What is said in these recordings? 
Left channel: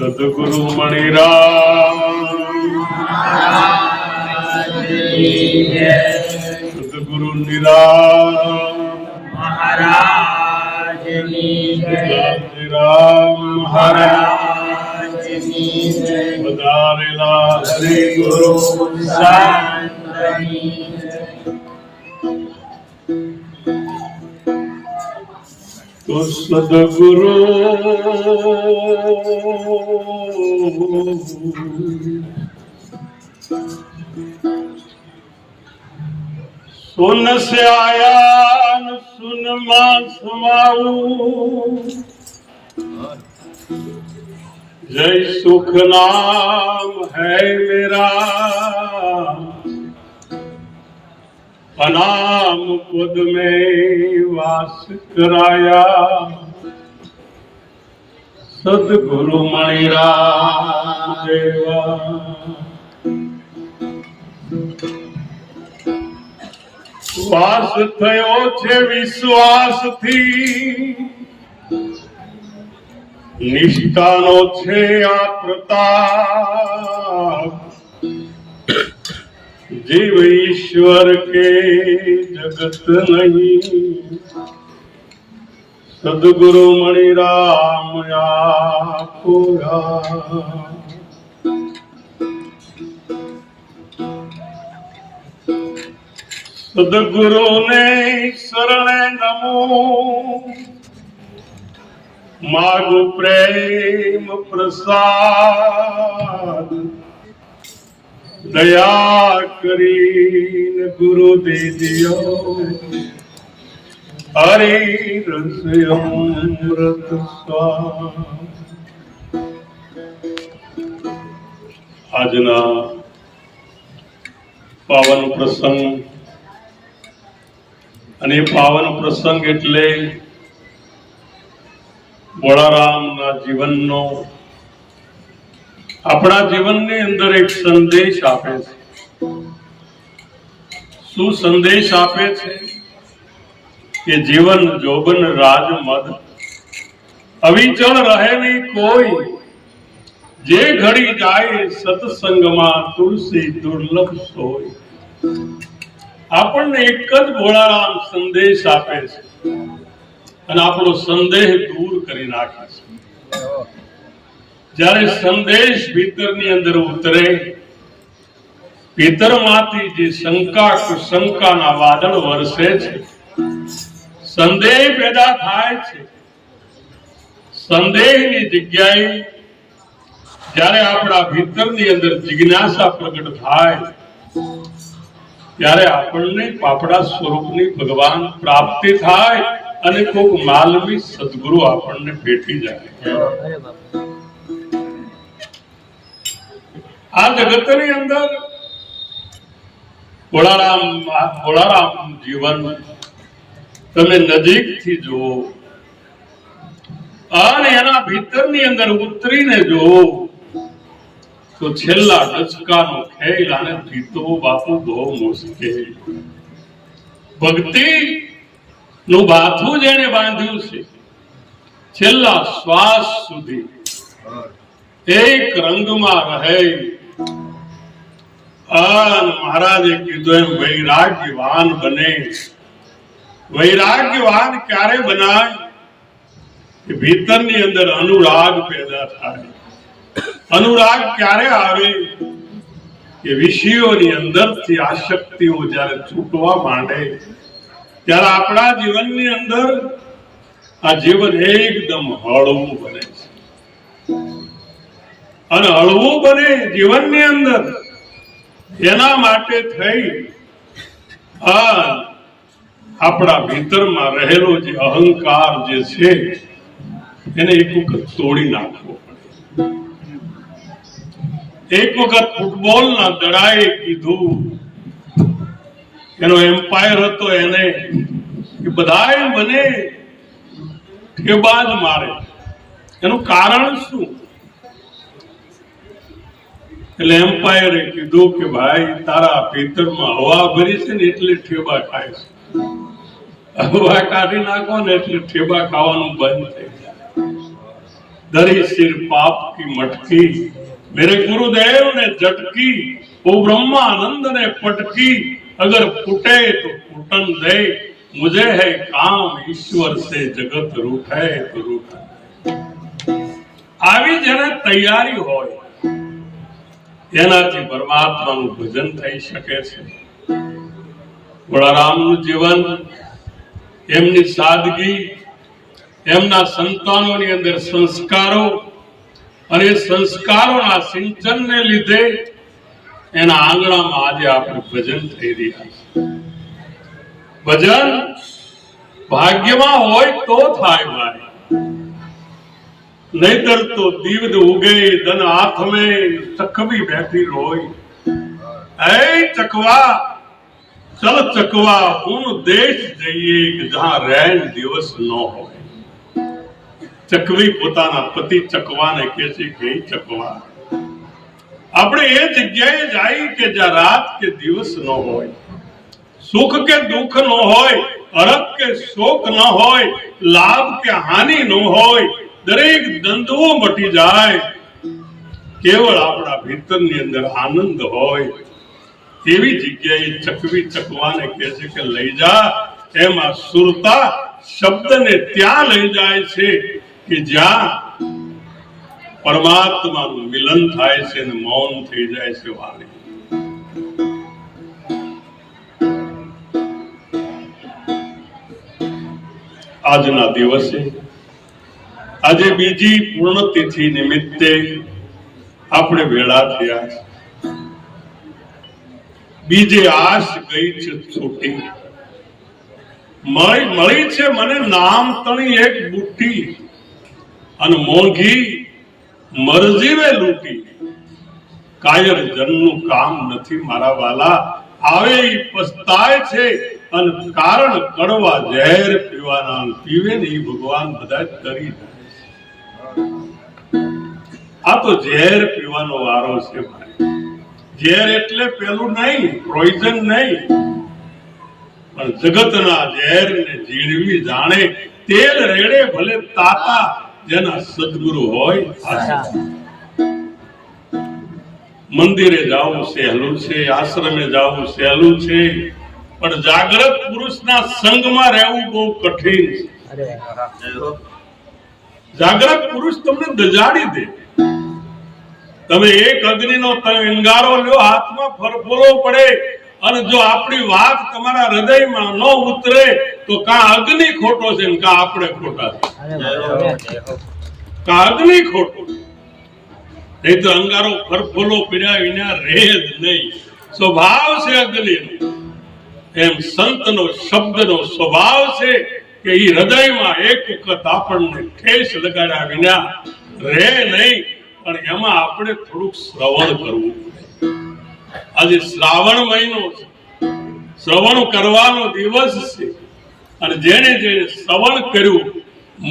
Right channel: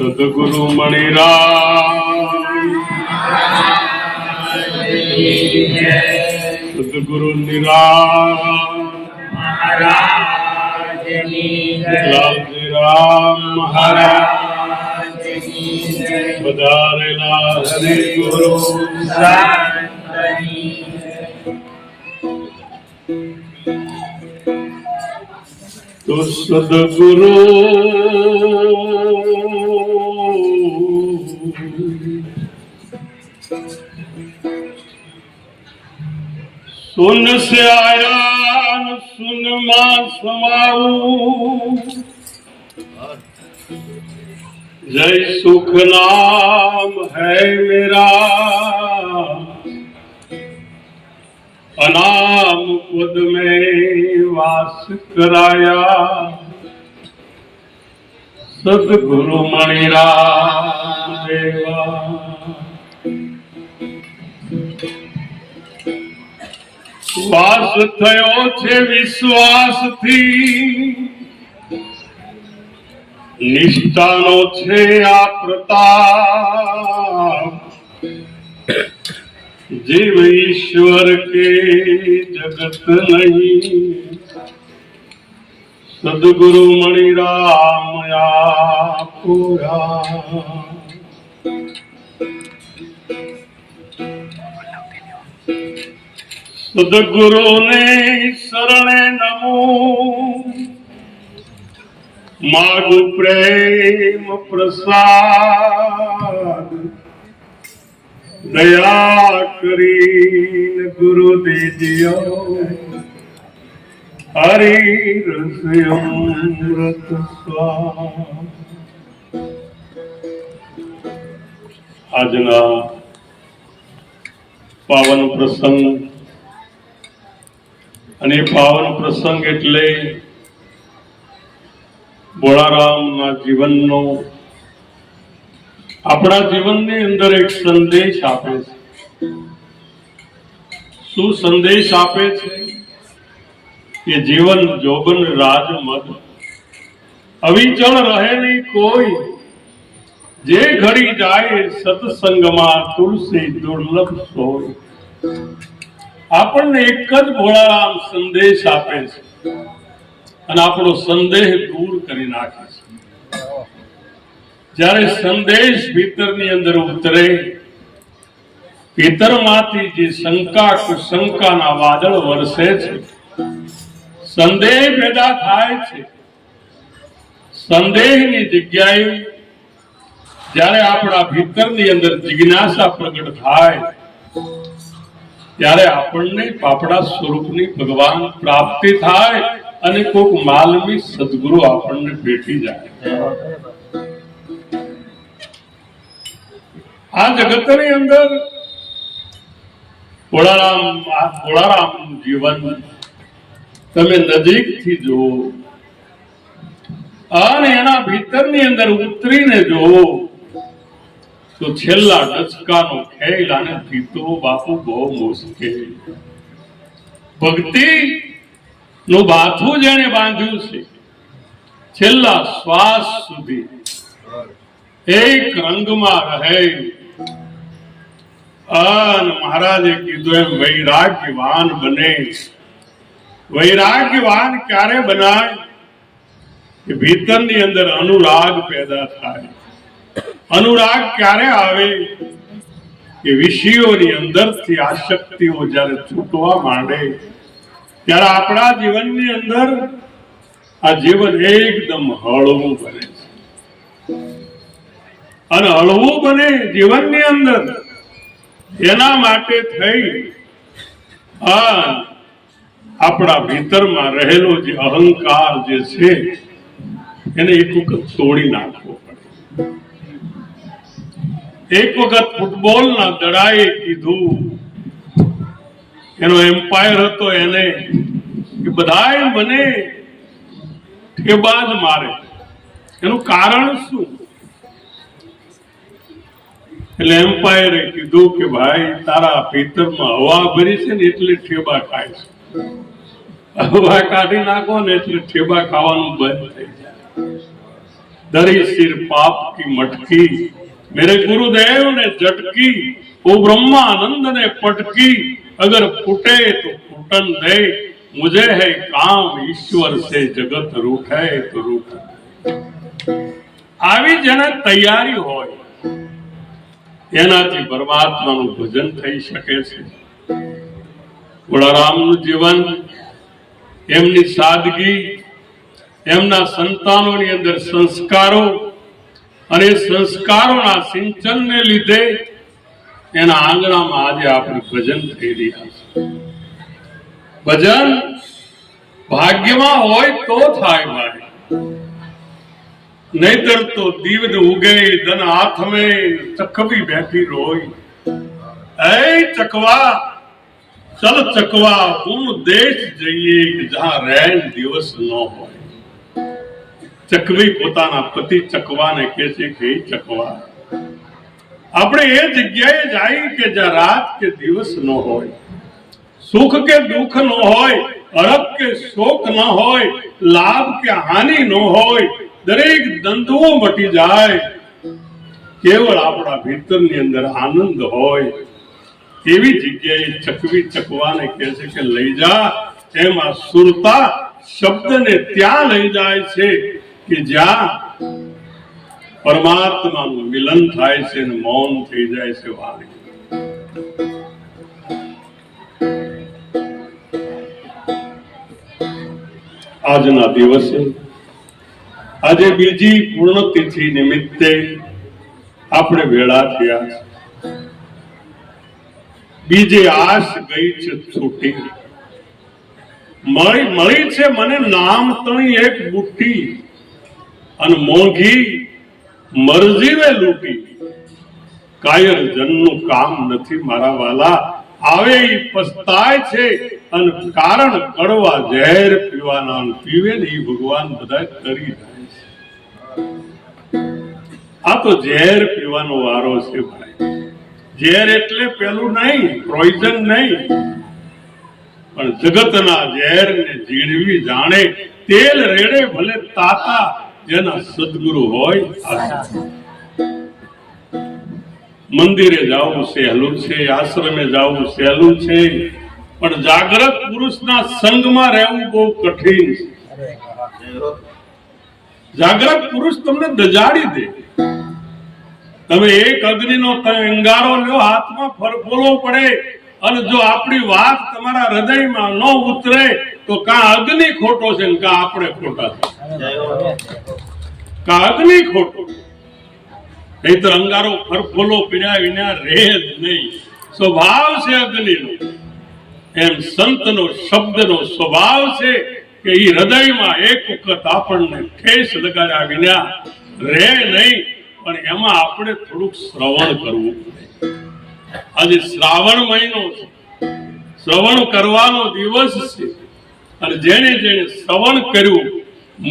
સદગુરુ મણિરામ, સદગુરુ નિરામ મહારાજ, રામ મહારાજ, વધારેલા હરિ ગુરુ તો સદગુરુ सुन से आया न सुन मां समाऊ, जय सुख नाम है मेरा, अनाम पद में वास कराया, सदगुरु मणिराम देवा। વાસ થયો છે વિશ્વાસથી, નિષ્ઠાનો છે આ પ્રતાપ, જીવ ઈશ્વર કે જગત નહીં, સદગુરુ મણિરામ આપો રામ। सदगुरु ने शरणे नमो, मागु प्रेम प्रसाद, दया करीन गुरु दीजियो, हरि रस अमृत स्वाद। આજના પાવન પ્રસંગ અને પાવન પ્રસંગ એટલે બોળારામના જીવનનો આપણા જીવનની અંદર એક સંદેશ આપે છે। શું સંદેશ આપે છે કે જીવન જોબન રાજ મદ અવિચળ રહે નહીં કોઈ, જે ઘડી જાય સત્સંગમાં તુલસી દુર્લભ સોય। આપણને એક જ ભોળારામ સંદેશ આપે છે અને આપણો સંદેહ દૂર કરી નાખે છે। જ્યારે સંદેશ ભીતરની અંદર ઉતરે, ભીતરમાંથી જે શંકા કુશંકાના વાદળ વરસે છે, સંદેહ પેદા થાય છે। સંદેહની જગ્યાએ જ્યારે આપણા ભીતરની અંદર જિજ્ઞાસા પ્રગટ થાય, ત્યારે આપણને આપણા સ્વરૂપની ભગવાન પ્રાપ્તિ થાય અને કોક માલમી સદગુરુ આપણને ભેટી જાય। આ જગતની અંદર ભોળારામ જીવન તમે નજીકથી જુઓ અને એના ભીતરની અંદર ઉતરીને જુઓ તો છેલ્લા ડચકાનો ખેલ અને જીતો બાપુ બહુ મુશ્કેલ। ભક્તિ નું બાથું જેને બાંધ્યું છે, છેલ્લા શ્વાસ સુધી એક રંગમાં રહે। મહારાજે કીધું એમ વૈરાગ્યવાન બને। વૈરાગ્યવાન ક્યારે બનાય કે ભીતરની અંદર અનુરાગ પેદા થાય। अनुराग क्यारे आवे कि विषयोनी अंदरथी आसक्तिओ ज्यारे छूटवा मांडे, त्यारे आपणा जीवननी अंदर आ जीवन एकदम हळवुं बने छे। अने हळवुं बने जीवननी अंदर एना माटे थई आपणा भीतरमां रहेलो जे अहंकार जे छे એને એક વખત તોડી નાખવો પડે. એક વખત ફૂટબોલના દડાએ કીધું, એનો એમ્પાયર હતો, એને કે બધાય મને ઠેબા જ મારે, એનું કારણ શું? એટલે એમ્પાયરે કીધું કે ભાઈ તારા ભીતરમાં હવા ભરી છે ને એટલે ઠેબા ખાય છે, હવા કાઢી નાખો ને એટલે ઠેબા ખાવાનું બંધ થઈ જાય. दरी सिर पाप की मटकी मेरे गुरुदेव ने झटकी, वो ब्रह्मानंद ने पटकी, अगर फूटे तो फूटन दे, मुझे है काम ईश्वर से जगत रूठे तो रूठे. આવી જેને તૈયારી હોય એનાથી પરમાત્માનું ભજન થઈ શકે છે. વડારામનું જીવન, એમની સાદગી, એમના સંતાનોની અંદર સંસ્કારો અને સંસ્કારોના સિંચનને લીધે એના આંગણામાં આજે આપણે ભજન થઈ રહ્યા છે. ભજન ભાગ્યમાં હોય તો થાય ભાઈ, નહીતર તો દીવદ ઉગે ધન હાથ में ચકવી બેઠી રોય. એ ચકવા ચલ ચકવા ઉન દેશ જઈએ કે જહાં રૈન દિવસ ન હોય. ચકવી પોતાના પતિ ચકવાને કહે છે કે હે ચકવા, આપણે એ જગ્યાએ જાય કે જ્યાં રાત કે દિવસ ન હોય, સુખ કે દુઃખ ન હોય, હરખ કે શોક ન હોય, લાભ કે હાનિ ન હોય, દરેક દ્વંદ્વો મટી જાય, કેવળ આપણા ભીતરની અંદર આનંદ હોય. એવી જગ્યાએ ચકવી ચકવાને કહે છે કે લઈ જા. એમાં સુરતા શબ્દને ત્યાં લઈ જાય છે કે જ્યાં પરમાત્માનું મિલન થાય છે અને મૌન થઈ જાય છે વાણી. આજના દિવસે, આજે બીજી પૂર્ણતિથિ નિમિત્તે આપણે ભેળા થયા છે. બીજે આશ ગઈ છે છૂટી, મળી છે મને નામ તણી એક બુટ્ટી, અને મોંઘી મરજીવે લૂટી. કાયર જનનું કામ નથી મારા વાલા, આવે ઈ પસ્તાય છે, અને કારણ કડવા ઝેર પીવાના, પીવે ને ઈ ભગવાન બધા તરી જાય છે. આ તો ઝેર પીવાનો વારો છે ભાઈ. ઝેર એટલે પેલું નહીં, પોઈઝન નહીં, પણ જગતના ઝેરને ઝીણવી જાણે, તેલ રેડે ભલે તાતા, જેના સદગુરુ હોય. મંદિરે જાવું સહેલું છે, આશ્રમે જાવું સહેલું છે, પણ જાગ્રત પુરુષના સંગમાં રહેવું બહુ કઠિન છે. જાગ્રત પુરુષ તમને દજાડી દે. તમે એક અગ્નિનો અંગારો લ્યો, હાથમાં ફરફોલો પડે, અને જો આપણી વાત તમારા હૃદયમાં ન ઉતરે તો કાં અગ્નિ ખોટો છે ને કાં આપણે ખોટા છે. કાં અગ્નિ ખોટો, નહીં તો અંગારો ફરફોલો પીડ્યા વિના રહે જ નહીં. સ્વભાવ છે અગ્નિનો. એમ સંતનો શબ્દનો સ્વભાવ છે કે એ હૃદયમાં એક વખત આપણને ઠેસ લગાડ્યા વિના રહે નહીં. પણ એમાં આપણે થોડુંક શ્રવણ કરવું પડે. આજે શ્રાવણ મહિનો છે, શ્રવણ કરવાનો દિવસ છે, અને જેને જેને શ્રવણ કર્યું,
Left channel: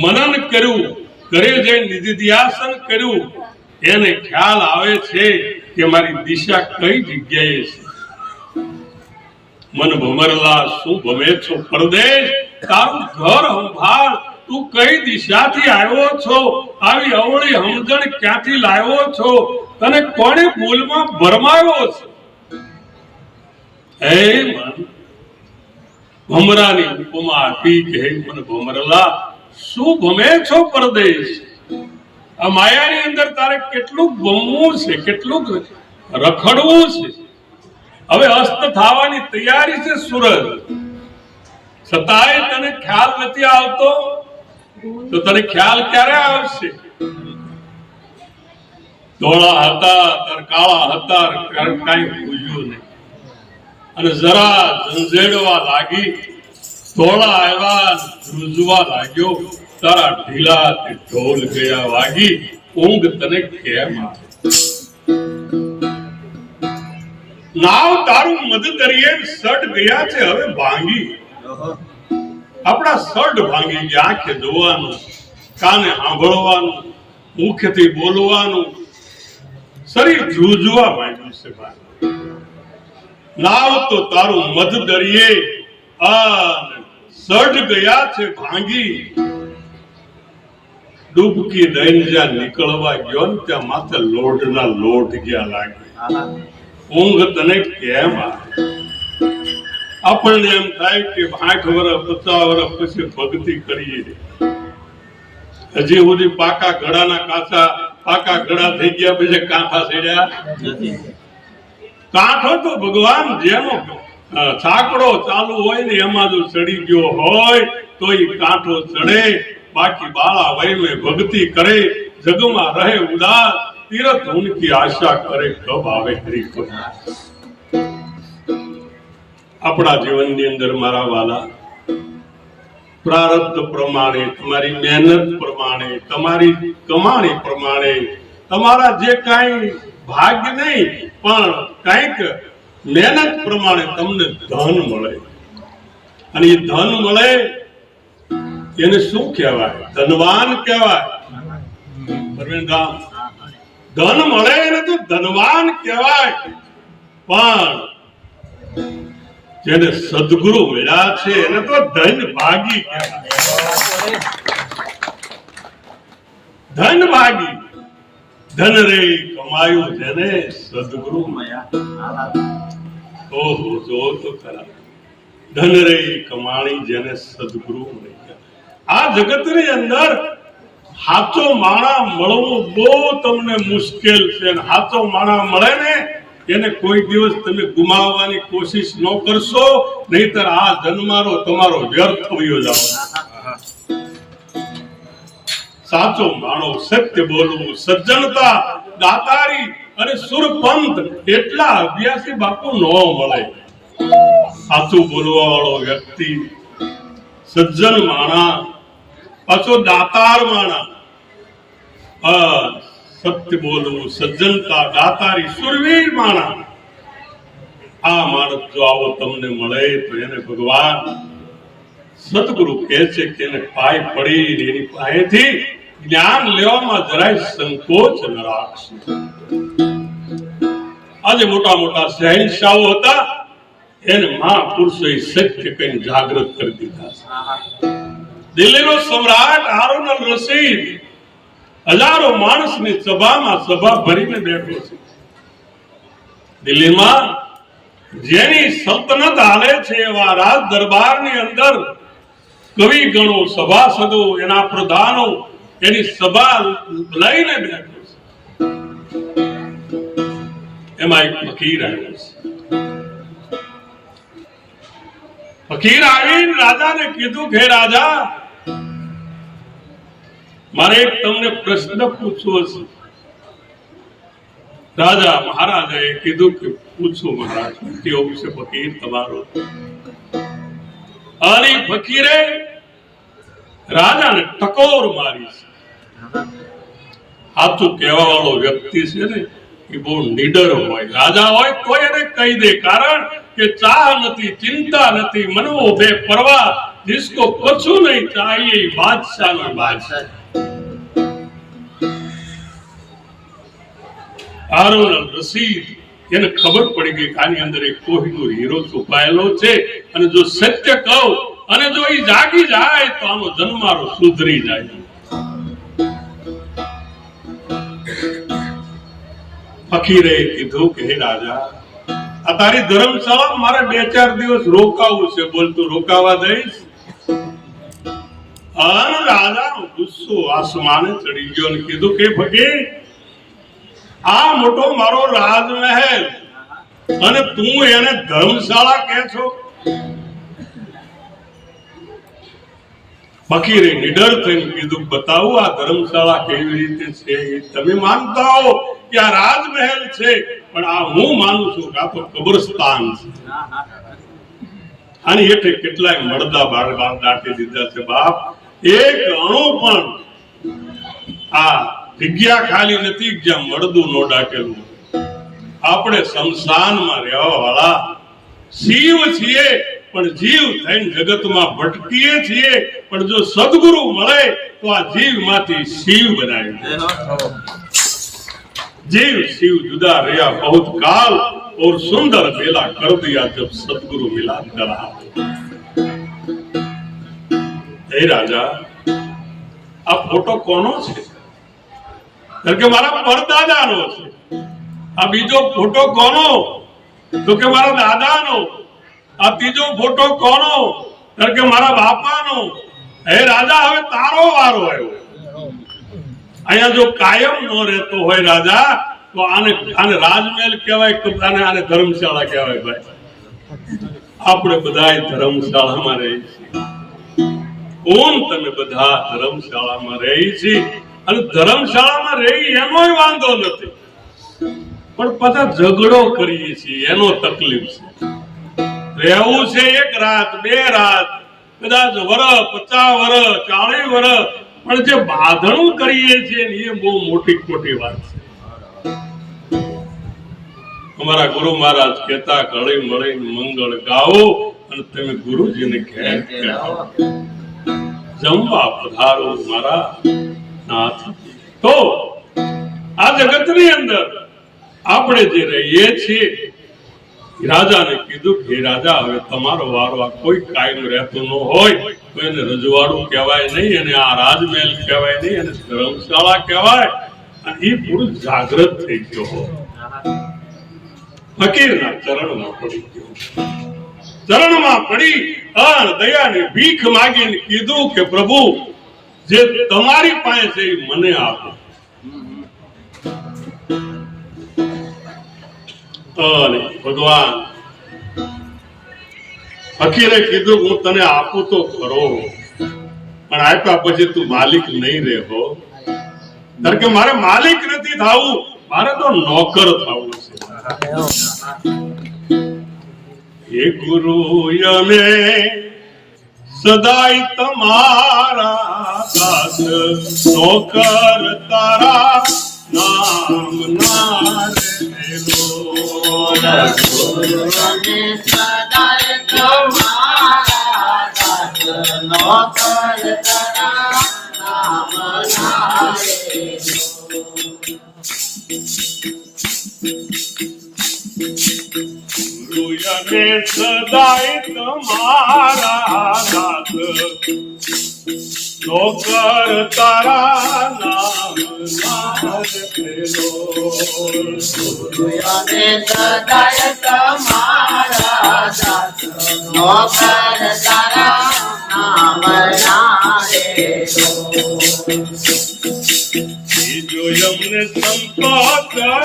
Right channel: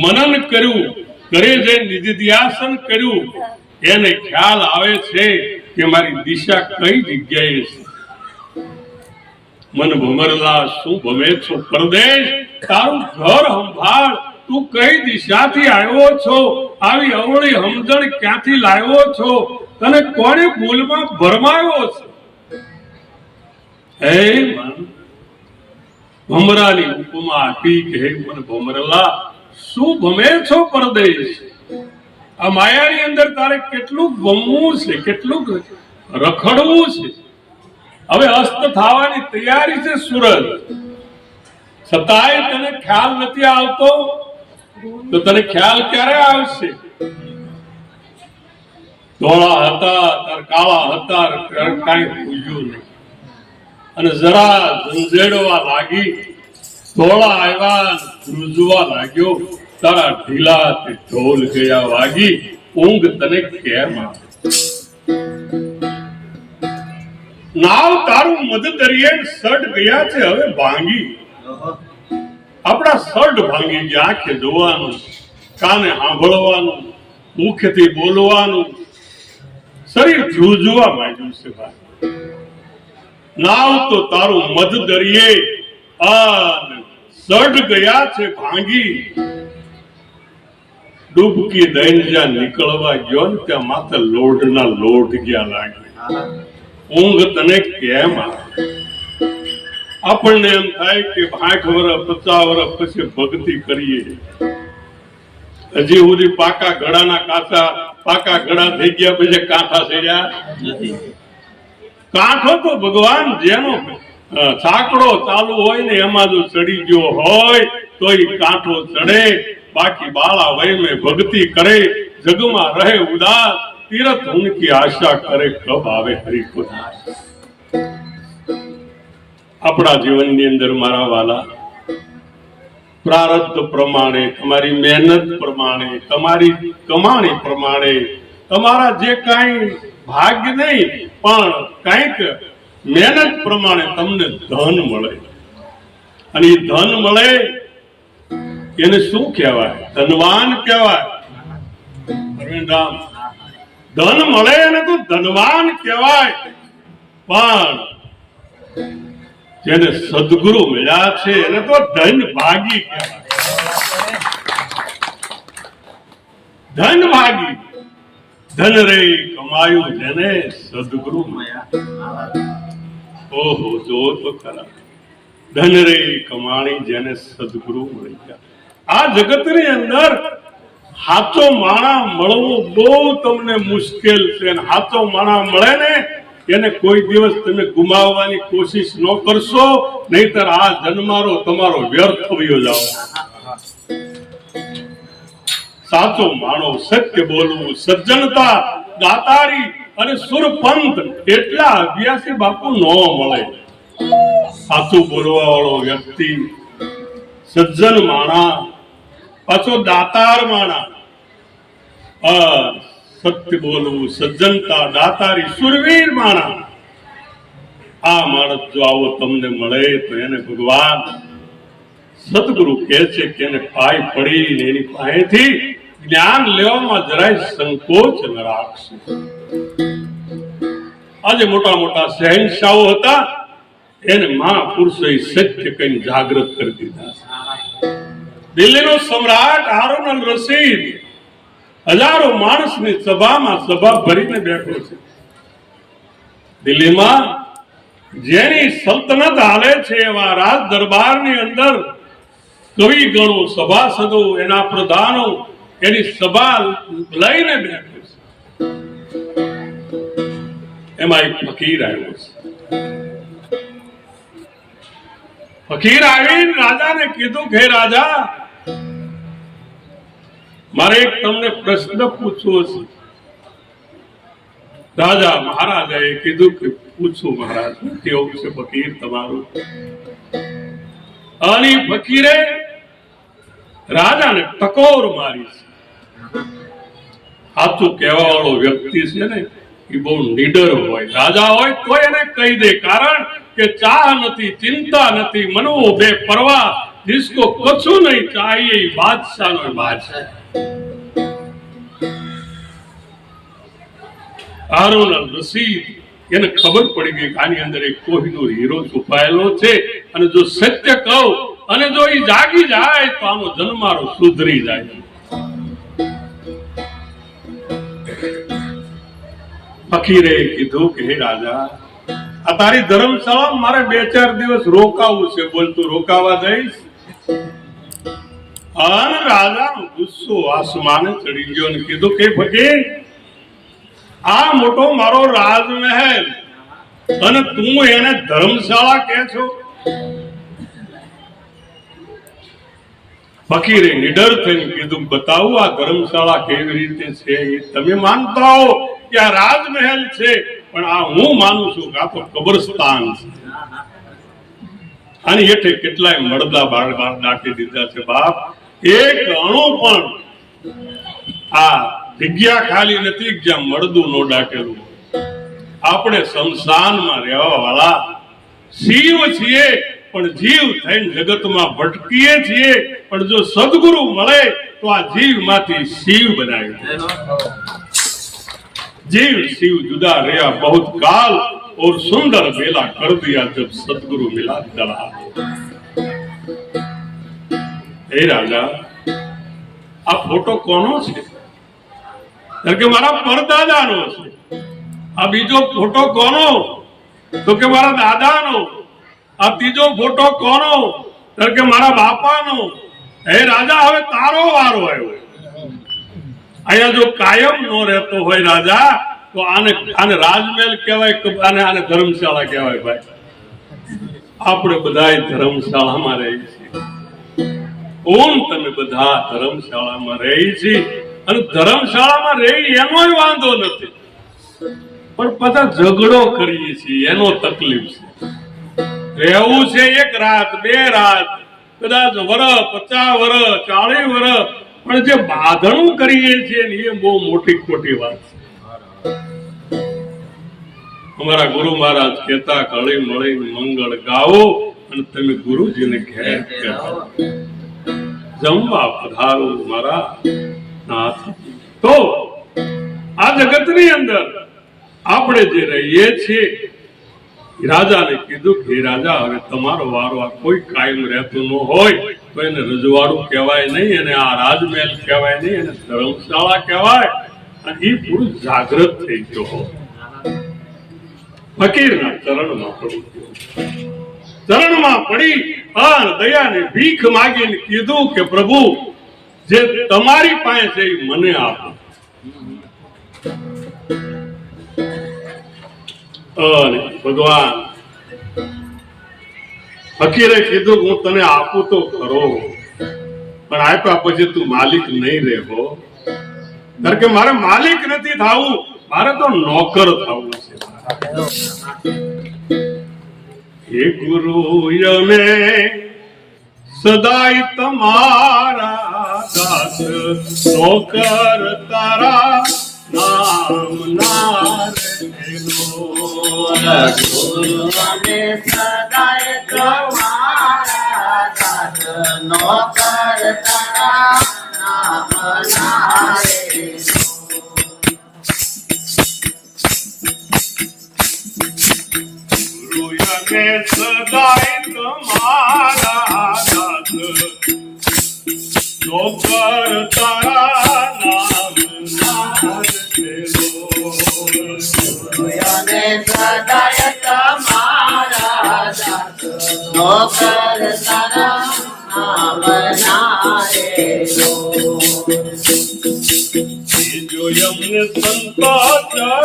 મનન કર્યું, ઘરે જઈને નિધિધ્યાસન કર્યું, એને ખ્યાલ આવે છે કે મારી દિશા કઈ જગ્યાએ છે. મન ભમરલા શું ભમે છો પરદેશ, તારું ઘર સંભાળ, તું કઈ દિશાથી આવ્યો છો, આવી અવળી સમજણ ક્યાંથી લાવ્યો છો, તને કોણે ભૂલમાં ભરમાયો છે. હે મન, ભમરાની ઉપમા આપી કે હે મન ભમરલા શું ભમે છો પરદેશ. આ માયાની અંદર તારે કેટલું ભમવું છે, કેટલું રખડવું છે. હવે અસ્ત થવાની તૈયારી છે સૂરજ, છતાંય તને ખ્યાલ નથી આવતો. તો તને ખ્યાલ ક્યારે આવશે? ધોળા હતા તાર કાળા હતા, કઈ પૂજ્યું નહીં, અને જરા ઝંઝેડવા લાગી, ધોળા આવ્યા ધ્રુજવા લાગ્યો, તારા ઢીલા તે ઢોલ ગયા વાગી, ઊંઘ તને કેમ આવે? નાવ તારું મધ દરિયે સડ ગયા છે હવે ભાંગી. આપણા સડ ભાંગી ગયા. આંખે જોવાનું, કાને સાંભળવાનું, મુખથી બોલવાનું, શરીર ધ્રુજવા માંડ્યું છે ભાઈ. નાવ તો તારું મધ દરિયે સડ ગયા છે ભાંગી. ડૂબકી દઈને જ્યાં નીકળવા ગયો ને ત્યાં માથે લોઢના લોઢ ગયા લાગે. ઊંઘ તને કેમ આવે? આપણને એમ થાય કે 60 વર્ષ 50 વર્ષ પછી ભક્તિ કરીએ, હજી સુધી પાકા ઘડાના કાચા પાકા ઘડા થઈ ગયા પછી કાંઠા ચડ્યા નથી. કાંઠો તો ભગવાન જેનો સાંકડો ચાલુ હોય ને એમાં જો ચડી ગયો હોય તો એ કાંઠો ચડે. બાકી બાળા વય में ભક્તિ કરે, જગમાં રહે ઉદાસ, તીરથ ઉનકી આશા કરે, કબ આવે હરિ કો. આપણા જીવનની અંદર મારા વાલા, પ્રારબ્ધ પ્રમાણે, તમારી મહેનત પ્રમાણે, તમારી કમાણી પ્રમાણે, તમારા જે કાંઈ ભાગ્ય નહીં પણ કંઈક મહેનત પ્રમાણે તમને ધન મળે. અને એ ધન મળે એને શું કહેવાય? ધનવાન કહેવાય. પરવીનરામ, ધન મળે એને તો ધનવાન કહેવાય. પણ જેને સદગુરુ મળ્યા છે એને તો ધન ભાગી કહેવાય. ધન ભાગી. ધન રે કમાયું જેને સદગુરુ મળ્યા. ઓહો, જો તો ખરા. ધન રે કમાણી જેને સદગુરુ મળી ગયા. આ જગતની અંદર સાચો માણા મળવો બહુ તમને મુશ્કેલ છે. સાચો માણા મળે ને એને કોઈ દિવસ તમે ગુમાવવાની કોશિશ ન કરશો, નહીતર આ જન્મારો તમારો વ્યર્થ થયો જાવ. સાચો માણો, સત્ય બોલવું, સજ્જનતા, દાતારી અને સુરપંથ એટલા અભ્યાસી બાપુ ન મળે. સાચું બોલવા વાળો વ્યક્તિ, સજ્જન માણા, પાછો દાતાર માણા, સત્ય બોલવું, સજ્જનતા, દાતારી, સુરવીર માણા. આ માણસ જો આવો તમને મળે તો એને ભગવાન સદગુરુ કહે છે કે એને પાય પડીને એની પાસેથી જ્ઞાન લેવામાં જરાય સંકોચ ન રાખશે. આજે મોટા મોટા શહેનશાહો હતા, એને મહાપુરુષોએ સત્ય કહીને જાગૃત કરી દીધા. દિલ્હીનો સમ્રાટ હારૂન અલ રશીદ હજારો માણસની સભામાં સભા ભરીને બેઠો છે. દિલ્હીમાં જેની સલ્તનત હાલે છે એવા રાજ દરબારની અંદર કવિ ગણો, સભાસદો, એના પ્રધાનો એની સભા લઈને બેઠો છે. એમાં એક ફકીર આવ્યો છે. ફકીર આવીને રાજાને કીધું કે રાજા, મારે એક તમને પ્રશ્ન પૂછવો છે. રાજા મહારાજાએ કીધું કે પૂછો મહારાજ, કેવું છે ફકીર તમારું? અને ફકીરે રાજાને ટકોર મારી છે. સાચું કહેવા વાળો વ્યક્તિ છે ને એ બહુ નીડર હોય. રાજા હોય તો એને કહી દે, કારણ કે ચાહ નથી, ચિંતા નથી, મનવો બેપરવા, जिसको कछु नहीं चाहिए बादशाह નો બાદશાહ. હારૂન અલ રશીદ એને ખબર પડી ગઈ કે આની અંદર એક કોહિનૂર હીરો છુપાયેલો છે, અને જો સત્ય કહું અને જો એ જાગી જાય તો આનો જન્મારો સુધરી જાય. ફકીરે કીધું કે હે રાજા, આ તારી ધર્મશાળા મારે 2-4 દિવસ રોકાવું છે, બોલ તું રોકાવા દઈશ? અને રાજા ગુસ્સો આસમાને ચડી ગયો અને કીધું કે ફકીર, આ મોટો મારો રાજમહેલ અને તું એને ધર્મશાળા કહે છો? ફકીરે નિડર થઈને કીધું, બતાવું આ ધર્મશાળા કેવી રીતે છે. તમે માનતા હો કે આ રાજમહેલ છે, પણ આ હું માનું છું કે આ તો કબ્રસ્તાન છે. આની હેઠે કેટલાય મળદા બાળ દાટી દીધા છે બાપ. એક અણુ પણ આ જગ્યા ખાલી નથી જ્યાં મળદું નો દાટેલું. આપણે શમશાનમાં રહેવા વાળા શિવ છીએ, પણ જીવ થઈને જગતમાં ભટકીએ છીએ, પણ જો સદગુરુ મળે તો આ જીવ માંથી શિવ બનાવી દે. जीव शिव जुदा रहा बहुत काल और सुंदर बेला कर दिया जब सतगुरु मिला दला. हे राजा आ फोटो कोनो छे? કે મારા પરદાદાનો છે. આ બીજો ફોટો કોનો? તો કે મારા દાદાનો. આ ત્રીજો ફોટો કોનો? કે મારા બાપાનો. હે રાજા હવે તારો વારો આવ્યો. અહીંયા જો કાયમ નો રહેતો હોય રાજા તો આને રાજમહેલ કહેવાય કે આને ધર્મશાળા કહેવાય. ભાઈ આપણે બધા ધર્મશાળામાં રહી છીએ. તમે બધા ધર્મશાળામાં રહી છીએ અને ધર્મશાળામાં રહી એનોય વાંધો નથી, પણ પાછા ઝઘડો કરીએ છીએ એનો તકલીફ છે. રહેવું છે એક રાત બે રાત, કદાચ વર્ષ 50 વર્ષ 40 વર્ષ, પણ જે બાંધણું કરીએ છીએ એ બહુ મોટી ખોટી વાત છે. અમારા ગુરુ મહારાજ કહેતા હળી મળી મંગળ ગાઓ અને તમે ગુરુજીને ઘેર કહેવાઓ. જમવા પધારો મારા નાથ. તો આ જગતની અંદર આપણે જે રહીએ છીએ, રાજાને કીધું કે રાજા હવે તમારો વારો. આ કોઈ કાયમ રહેતું ન હોય તો એને રજવાડું કહેવાય નહીં, અને આ રાજમહેલ કહેવાય નહીં, એને ધર્મશાળા કહેવાય. અને એ પુરુષ જાગૃત થઈ ગયો, ફકીરના ચરણમાં પડી ગયો. ચરણમાં પડી દયાની ભીખ માંગીને કીધું કે પ્રભુ જે તમારી પાસે છે એ મને આપો. ભગવાન ફકીરે કીધું હું તને આપું તો ખરો, પણ આપ્યા પછી તું માલિક નહીં રહેવો. કારણ કે મારે માલિક નથી થવું, મારે તો નોકર થવું છે. હે ગુરુ અમે સદાય તમારા દાસ, નોકર તારા નામ ના રેલો. ગુરુ અમે સદાય તમારા દાસ, નોકર તારા નામ ના રેલો. સદાય તમારા દાસ, નોકર તારા નામ ના રેલો. અમે સદાય તમારા દાસ, નોકર તારા નામ ના રેલો. જો અમને સંતો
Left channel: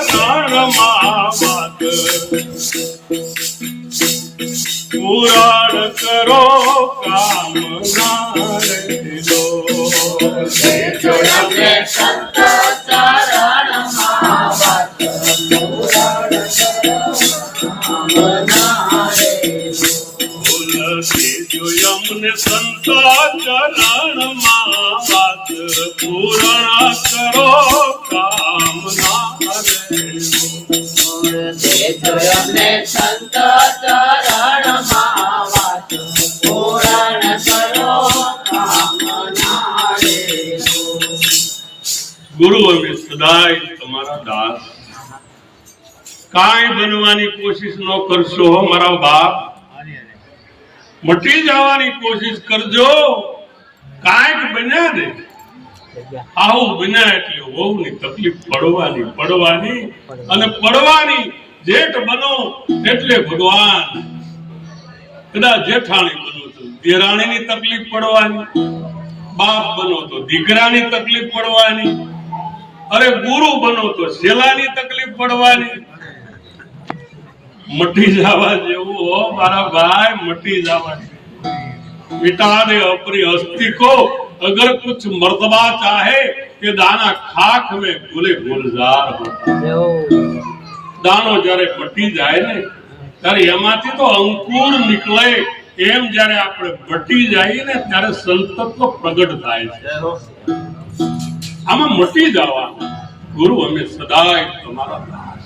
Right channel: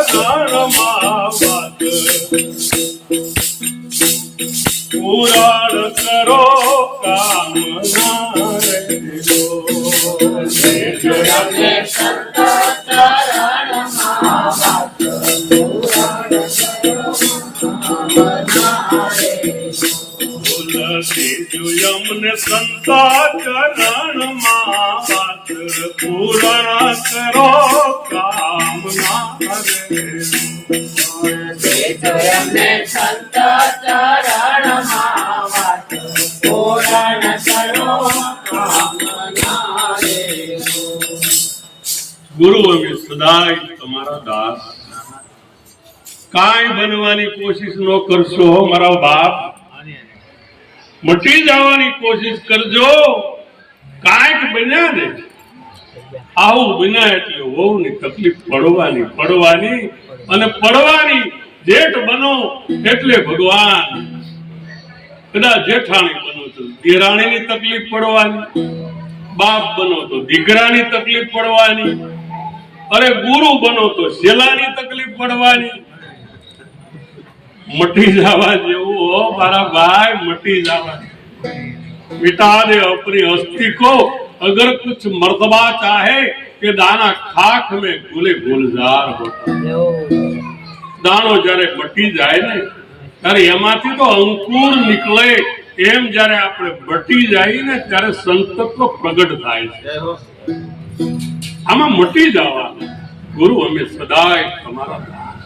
ચરણમાં વાત પુરાણ કરો કામ ના રેલો. જો અમને સંતો ચરણમાં વાત પુરાણ કરો કામ ના રેલો. જો અમને સંતો ચરણમાં વાત પૂર્ણ કરો કામ ના રેલો. અમને સંત ચરણમાં વાત પૂર્ણ કરો કામ ના રેલો. ગુરુ અમે સદાય તમારા દાસ. કાંઈ બનવાની કોશિશ ન કરશો મારા બાપ, મટી જવાની કોશિશ કરજો. કાંઈક બન્યા ને આવું બન્યા એટલે વહુની તકલીફ પડવાની અને પડવાની. જેઠ બનો એટલે ભગવાન, કદાચ જેઠાણી બનો તો દેરાણીની તકલીફ પડવાની, બાપ બનો તો દીકરાની તકલીફ પડવાની, અરે ગુરુ બનો તો શેલાની તકલીફ પડવાની. મટી જવા જેવું હો મારા ભાઈ, મટી જવા. मिटा दे अपनी हस्ती को अगर कुछ मर्तबा चाहे कि दाना खाक में गुले गुलजार होता. દાણો જ્યારે મટી જાય ને ત્યારે એમાંથી તો અંકુર નીકળે એમ જ્યારે આપણે મટી જાય ને ત્યારે સંતત્વ પ્રગટ થાય છે. આમાં મટી જવાનું. ગુરુ અમે સદાય તમારા દાસ,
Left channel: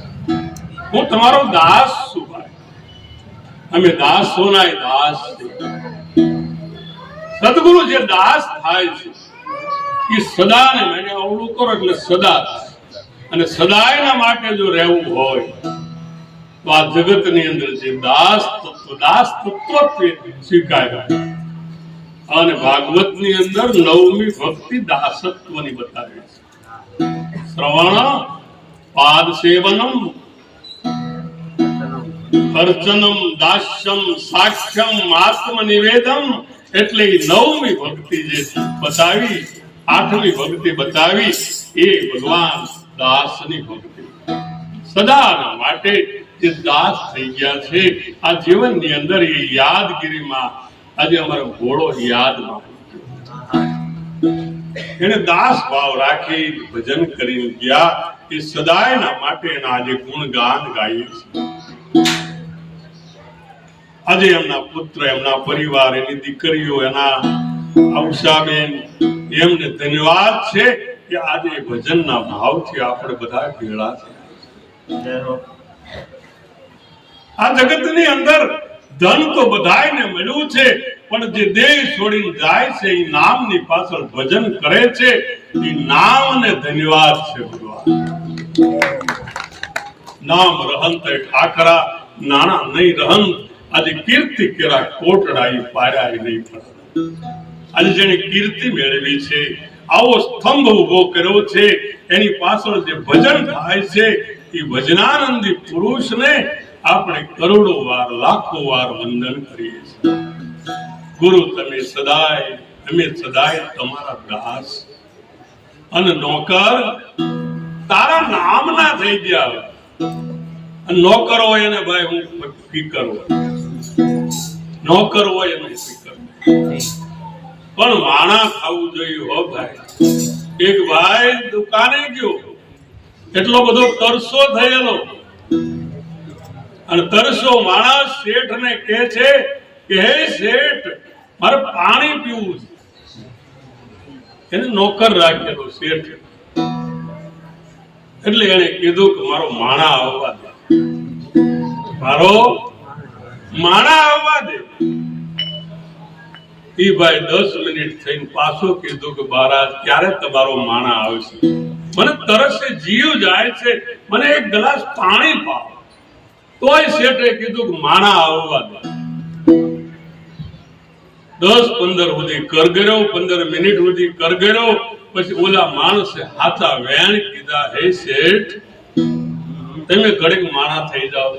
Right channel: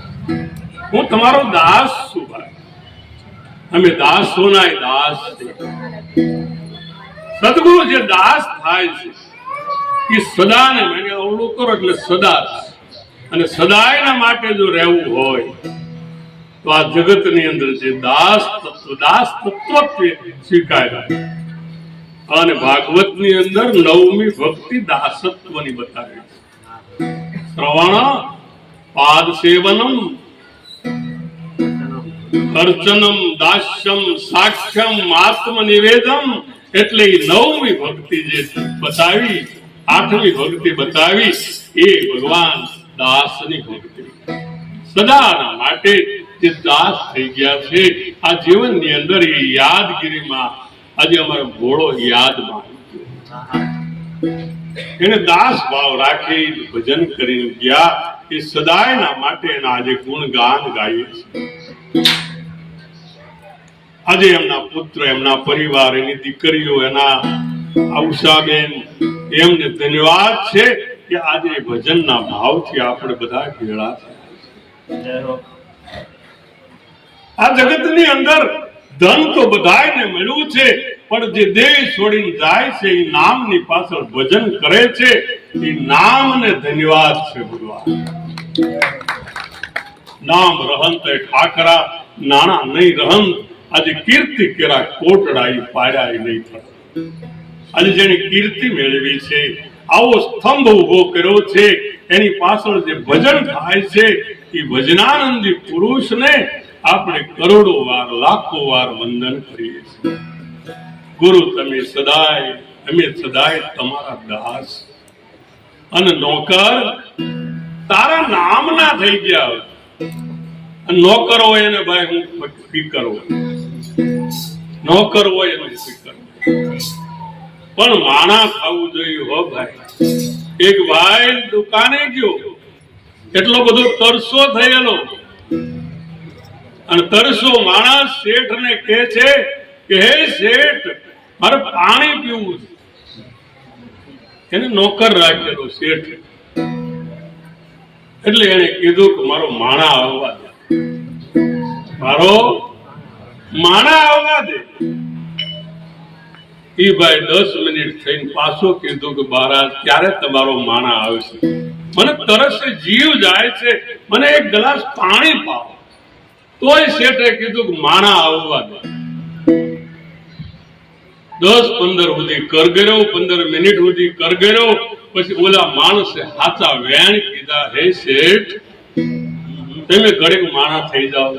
હું તમારો દાસ છું ભાઈ. અમે દાસોના દાસ છે. સદગુરુ જે દાસ થાય છે એ સદાને મને અવળું કરો એટલે સદા, અને સદાયના માટે જો રહેવું હોય તો આ જગતની અંદર જે દાસ તત્વ સ્વીકાર્ય. અને ભાગવતની અંદર 9મી ભક્તિ દાસત્વની બતાવી છે. શ્રવણ, પાદ સેવનમ, અર્ચનમ, દાસ્યમ, સાક્ષ્યમ, આત્મનિવેદમ, એટલે 9મી ભક્તિ જે બતાવી, 8મી ભક્તિ બતાવી એ ભગવાન દાસની ભક્તિ. સદાના માટે જે દાસ થઈ ગયા છે આ જીવનની અંદર, એ યાદગીરીમાં આજે અમારો ઘોડો યાદમાં એને દાસ ભાવ રાખી ભજન કરીને ગયા. એ સદાયના માટે એના આજે ગુણગાન ગાઈએ છે. આજે એમના પુત્ર, એમના પરિવાર, એની દીકરીઓ, એના ઉષાબેન, એમને ધન્યવાદ છે કે આજે ભજનના ભાવથી આપણે બધા ભેળા થયા. આ જગતની અંદર ધન તો બધાને મળ્યું છે, પણ જે દેહ છોડીને જાય છે એ નામની પાછળ ભજન કરે છે, એ નામને ધન્યવાદ છે ભગવાન. નામ રહંત ઠાકરા, નાણા નહીં રહંત. આજે કીર્તિ કેરા કોટડા પાડ્યા નહીં થતા. આજે જેને કીર્તિ મેળવી છે, આવો સ્તંભ ઉભો કર્યો છે, એની પાછળ જે ભજન થાય છે એ ભજનાનંદી પુરુષને આપણે કરોડો વાર, લાખો વાર વંદન કરીએ છીએ. ગુરુ તમે સદાય, અમે સદાય તમારા દાસ અને નોકર. તારા નામના થઈ ગયા. નોકર હોય એને ભાઈ હું ફિકર હોય, નોકર હોય એનું ફિકર, પણ માણા ખાવું જોઈએ હો ભાઈ. એક ભાઈ દુકાને ગયો, એટલો બધો તરસો થયેલો, અને તરસો માણસ શેઠ ને કહે છે કે હે શેઠ, મારે પાણી પીવું છે. એને નોકર રાખેલો શેઠ, એટલે એને કીધું કે મારો માણા આવવા દે, મારો માણા આવવા દે. એ ભાઈ 10 મિનિટ થઈને પાછો કીધું કે મહારાજ ક્યારે તમારો માણા આવશે, મને તરસે જીવ જાય છે, મને એક ગ્લાસ પાણી પાવો. તોય શેઠે કીધું કે માણા આવવા દે. 10-15 સુધી કરગર્યો, 15 મિનિટ સુધી કરગર્યો. પછી ઓલા માણસે હાચા વેણ કીધા, હે શેઠ તમે ઘડીક માણા થઈ જાઓ,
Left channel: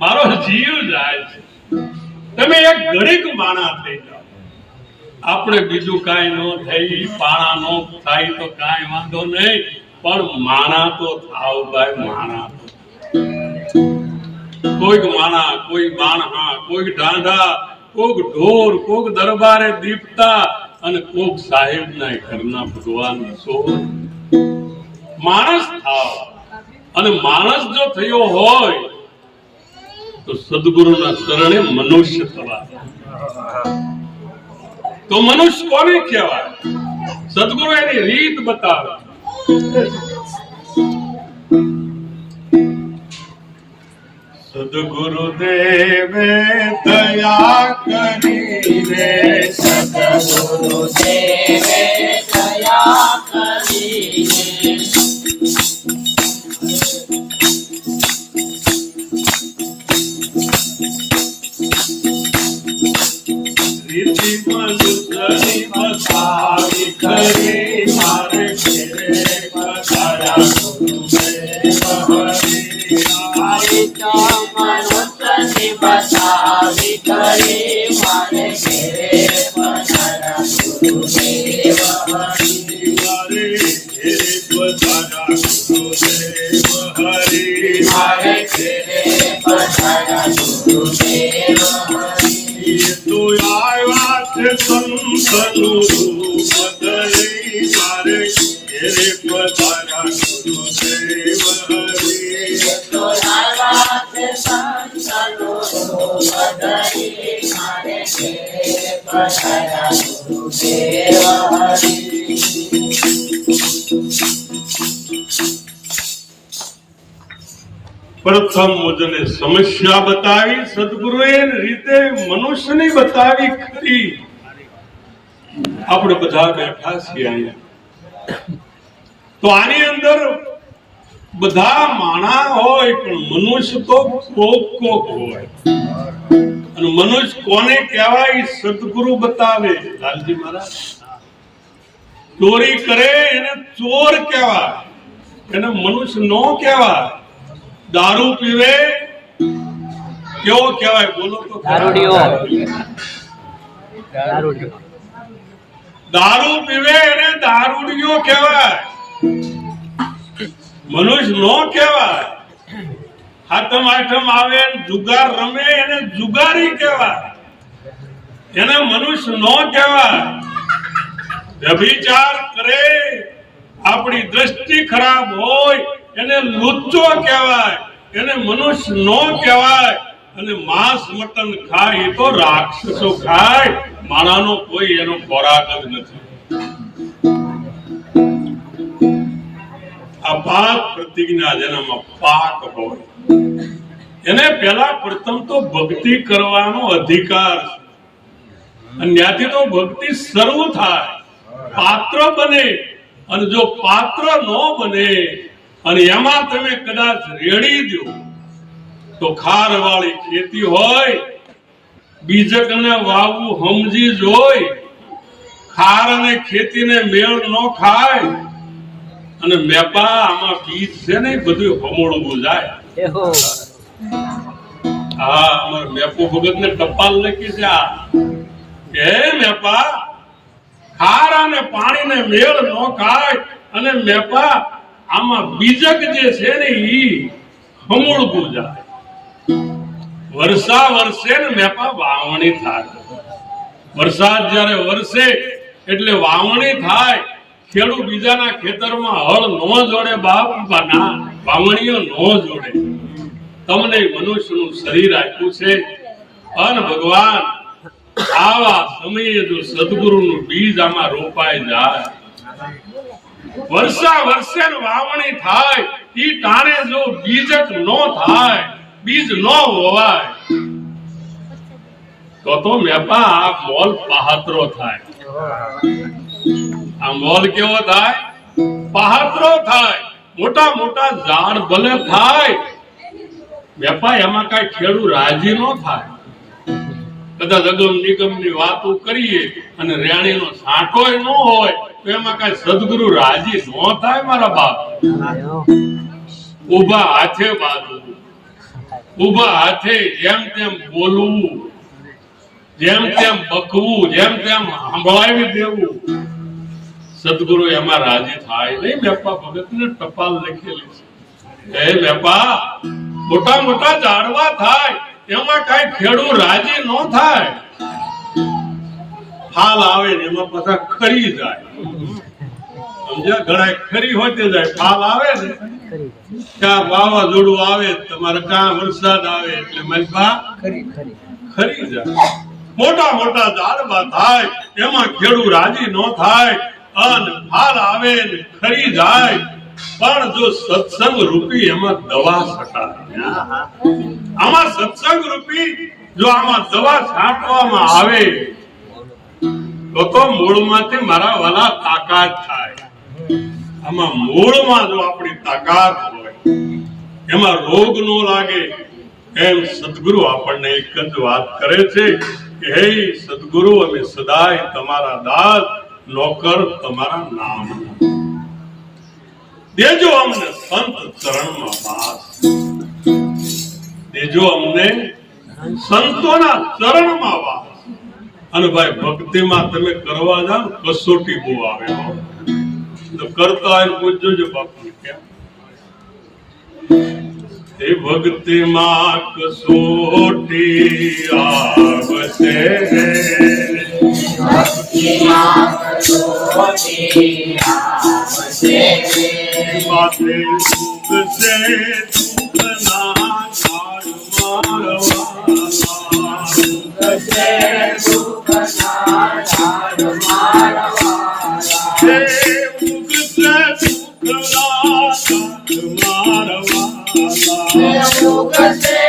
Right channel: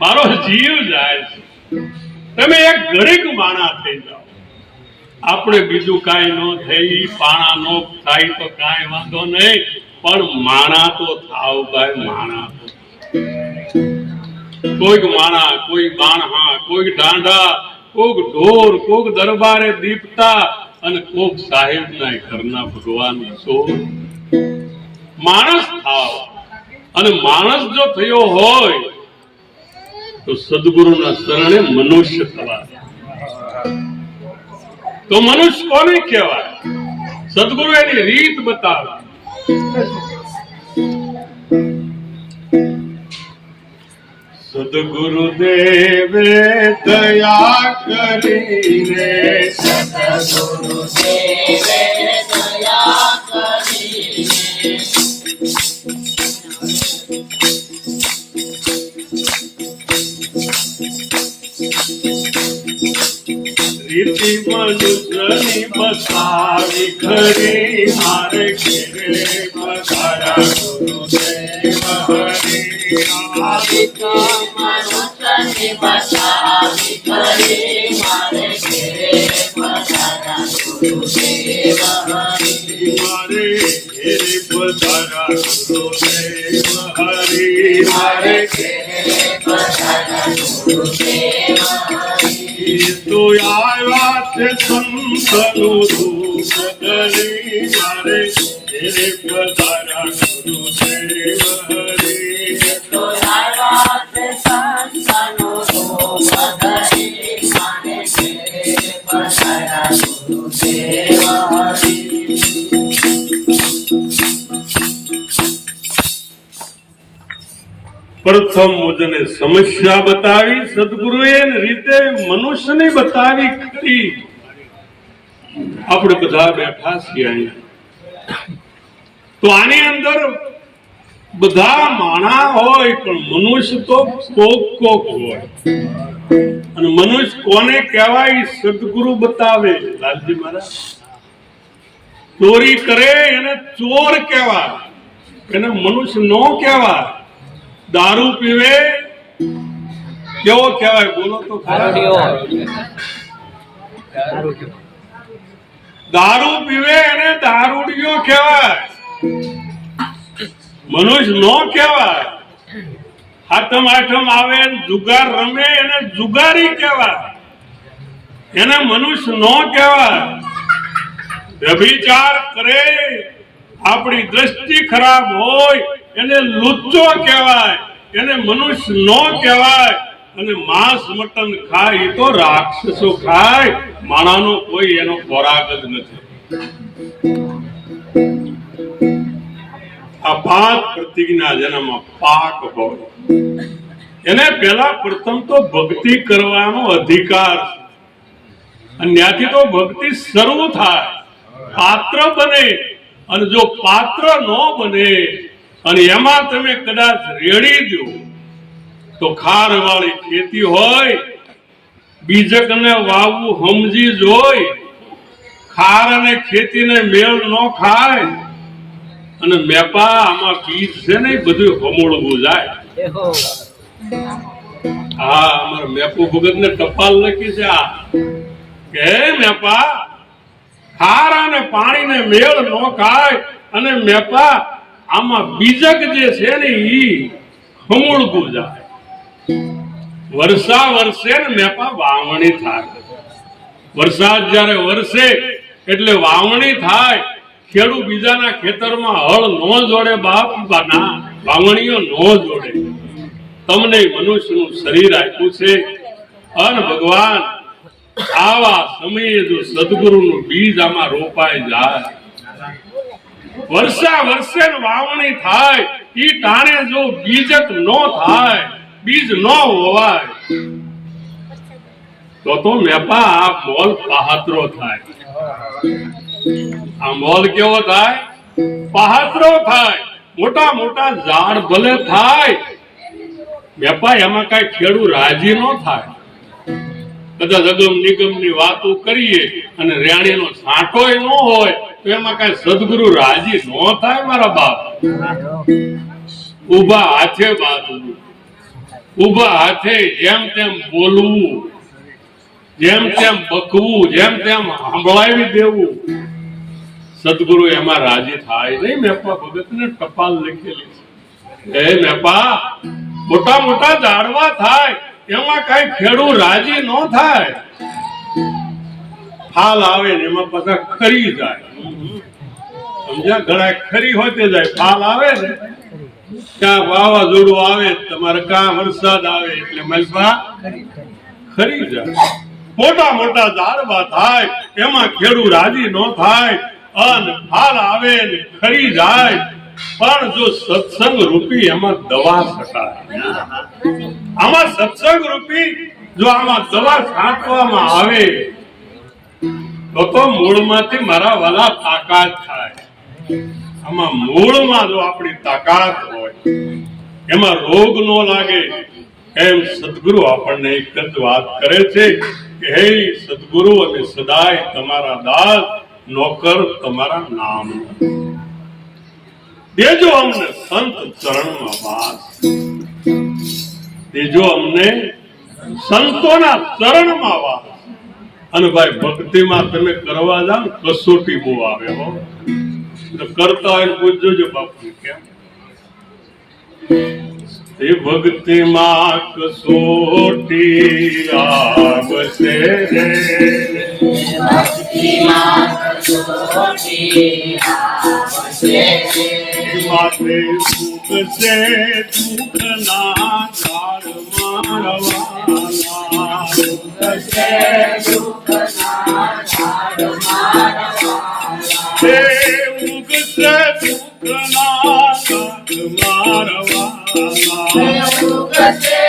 મારો જીવ જાય છે, તમે એક ઘડીક માણા થઈ જાઓ. આપણે બીજું કાંઈ ન થઈ, પાણા નો થાય તો કાંઈ વાંધો નહીં, પણ માણા તો થાવ ભાઈ. માણા તો કોઈક માણા, કોઈ બાણહા, કોઈક ઢાંઢા, કોઈક ઢોર, કોઈક દરબારે દીપતા, અને કોઈક સાહેબના ઘરના ભગવાન છો. માણસ થાવ. અને માણસ જો થયો હોય તો સદગુરુના શરણે મનુષ્ય થવા. તો મનુષ્ય કોને કહેવાય? સદગુરુ એની રીત બતાવે. સદગુરુદેવે દયા કરીને, સદગુરુદેવે દયા કરીને, રીતિ મનુષ્યની બતાવી ખરી, મારે ઘેરે પધાર્યા ગુરુદેવ હરી. મનુષ્યની બતાવી ખરી, મારે ઘેરે પધાર્યા ગુરુદેવ હરી. મારે ઘેરે પધાર્યા ગુરુદેવ હરી. મારે ઘેરે પધાર્યા ગુરુદેવ હરી. તો આવ્યા છે સંતનું રૂપ ધરી, મારે ઘેરે પધાર્યા ગુરુદેવ હરી. તો આવ્યા છે સંતનું રૂપ પ્રથમ મુજને સમસ્યા બતાવી સદગુરુએ રીતે મનુષ્યને બતાવી ખરી. આપણે બધા બેઠા છીએ અહીંયા, તો આની અંદર બધા માણા હોય પણ મનુષ્ય તો કોક હોય. અને મનુષ્ય કોને કહેવાય? સદગુરુ બતાવે. લાલજી મહારાજ ચોરી કરે એને ચોર કહેવાય, એને મનુષ્ય નો કહેવાય. દારૂ પીવે કેવો કહેવાય? બોલો તો. દારૂ પીવે એને દારૂડિયો કહેવાય, મનુષ્ય નો કહેવાય. હાથમ આઠમ આવે જુગાર રમે એને જુગારી કહેવાય, એને મનુષ્ય નો કહેવાય. વ્યભિચાર કરે, આપણી દ્રષ્ટિ ખરાબ હોય એને લુચ્ચો કહેવાય, એને મનુષ્ય નો કહેવાય. અને માંસ મટન ખાય એ તો રાક્ષસો ખાય, માણાનો કોઈ એનો ખોરાક જ નથી. આ પાંચ પ્રતિજ્ઞા જેનામાં પાક હોય એને પેલા પ્રથમ તો ભક્તિ કરવાનો અધિકાર છે, અને ત્યાંથી તો ભક્તિ શરૂ થાય, પાત્ર બને. અને જો પાત્ર ન બને અને એમાં તમે કદાચ રેડી દો તો ખાર વાળી ખેતી હોય, બીજકને વાવવું સમજી જોઈ, ખાર અને ખેતીને મેળ ન ખાય. અને મેપા આમાં બીજ છે ને બધું હમોળવું જાય. હા, અમારા મેપો ભગત ને ટપાલ લખી છે આ કે મેપા ખાર અને પાણીને મેળ ન ખાય. અને મેપા આમાં બીજક જે છે ને ઈ હમોળવું જાય. વર્ષા વર્ષે ને મેપા વાવણી થાય. વરસાદ જયારે વરસે એટલે વાવણી થાય. ખેડૂત બીજાના ખેતરમાં હળ નો જોડે, બાપ ના વાવણીઓ નો જોડે. તમને મનુષ્યનું શરીર આપ્યું છે, અને ભગવાન આવા સમયે જો સદગુરુનું બીજ આમાં રોપાઈ જાય, વર્ષા વર્ષે વાવણી થાય, ઈ ટાણે જો બીજક નો થાય, બીજ નો હોવાય, તો મેપા આ મોલ પહાતરો થાય. આ મોલ કેવો થાય? પહાતરો થાય. મોટા મોટા ઝાડ ભલે થાય, વેપા એમાં કઈ ખેડૂત રાજી ન થાય. કદાચ અગમ નિગમ ની વાતો કરીએ અને રેણીનો સાંટો ન હોય તો એમાં કઈ સદગુરુ રાજી ન થાય. મારા બાપ ઉભા હાથે બાંધવું, ઉભા હાથે જેમ તેમ બોલવું, જેમ તેમ બકવું, જેમ તેમ સાંભળાવી દેવું, સદગુરુ એમાં રાજી થાય નહીં. મેપા ભગત ને ટપાલ લખેલી છે, એ મેપા મોટા મોટા ઝાડવા થાય એમાં કઈ ખેડૂત રાજી ન થાય. ફાલ આવે ને એમાં પાછા ખરી જાય. સમજ્યા? ઘણા ખરી હોતે જાય. ફાલ આવે ને ક્યાં વાવાઝોડું આવે, તમારે ક્યાં વરસાદ આવે એટલે મલબા ખરી જાય. મોટા મોટા ઝાડવા થાય એમાં ખેડૂત રાજી ન થાય, અને ફાલ આવે ને ખરી જાય. પણ જો સત્સંગ રૂપી એમાં દવા છટાય, આમાં સત્સંગ રૂપી જો આમાં દવા છાંટવામાં આવે તો મૂળમાંથી મારા વાલા તાકાત થાય. આમાં મૂળમાં જો આપણી તાકાત હોય, એમાં રોગ નો લાગે. એમ સદગુરુ આપણને એક જ વાત કરે છે કે હે સદગુરુ, અમે સદાય તમારા દાસ નોકર, તમારા નામ દેજો અમને સંત ચરણમાં વાસ, દેજો અમને સંતોના ચરણમાં વાસ. અને ભાઈ ભક્તિમાં તમે કરવા જાવ કસોટી બહુ આવે હો. તો કરતા હોય પૂછજો બાપુ કેમ એ ભક્તિમાં કસોટી આવશે, ભક્તિમાં કસોટી આવશે. માથે દુઃખ છે દુઃખ ના ઝાડ મારવાના, દુઃખ છે દુઃખ ના ઝાડ મારવાના. સુખના સાથ મારવાલા સુખ છે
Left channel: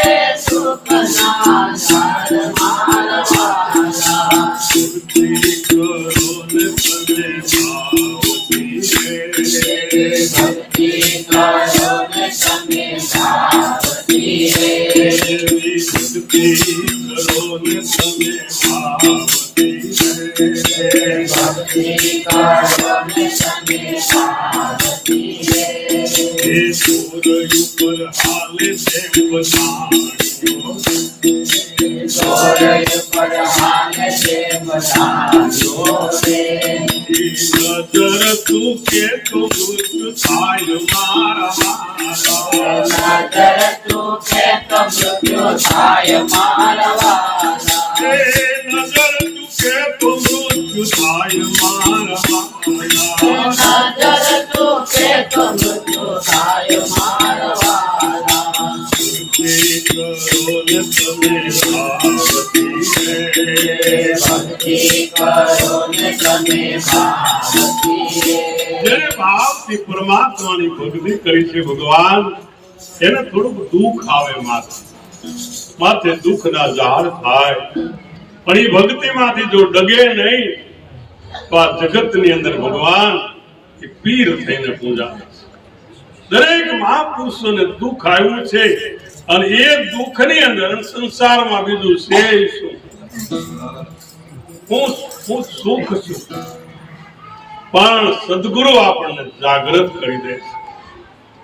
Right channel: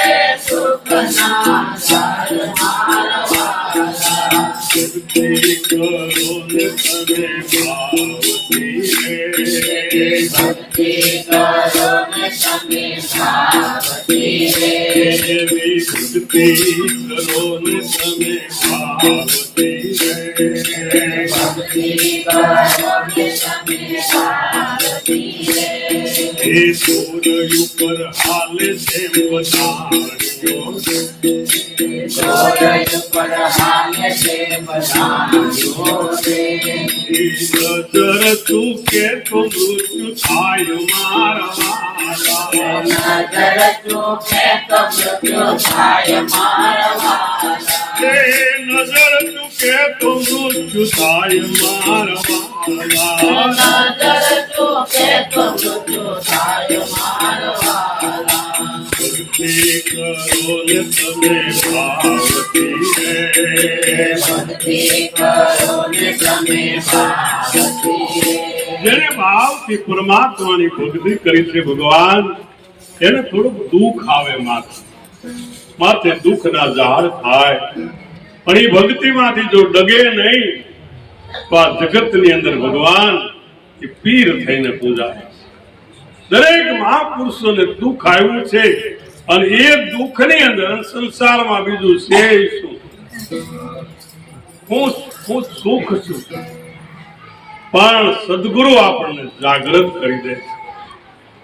સુખના સાર મારવાલા ભક્તિ કરો ને તમે ભાવથી રે ભક્તિ કરો ને તમે ભાવથી રે એવી ભક્તિ કરો ને તમે ભાવથી રે ભક્તિ કરો ને તમે ભાવથી રે એ સૂર્ય ઉપર હાલે છે બધાણીઓ સૂરજ પર હાલે છે બધાણીઓ રે નજર તું કે તો મૃત્યુ થાય મારા વાલા નજર તું કે તો મૃત્યુ થાય મારવાલા નજર તું કે તો મૃત્યુ થાય મારા વાલા નજર તું કે તો મૃત્યુ થાય મારવાલા ભક્તિ કરો ને તમે ભાવથી રે ભક્તિ કરો ને તમે ભાવથી રે જેને ભાવથી પરમાત્માની ભક્તિ કરી છે ભગવાન એને થોડુંક દુઃખ આવે માથે દુઃખના ઝાડ થાય પણ એ ભક્તિમાંથી જો ડગે નહીં તો આ જગતની અંદર ભગવાન એ પીર થઈને પૂજાય દરેક મહાપુરુષોને દુઃખ આવ્યું છે અને એ દુઃખની અંદર સંસારમાં બીજું છે શું હું સુખ છું પણ સદગુરુ આપણને જાગૃત કરી દે છે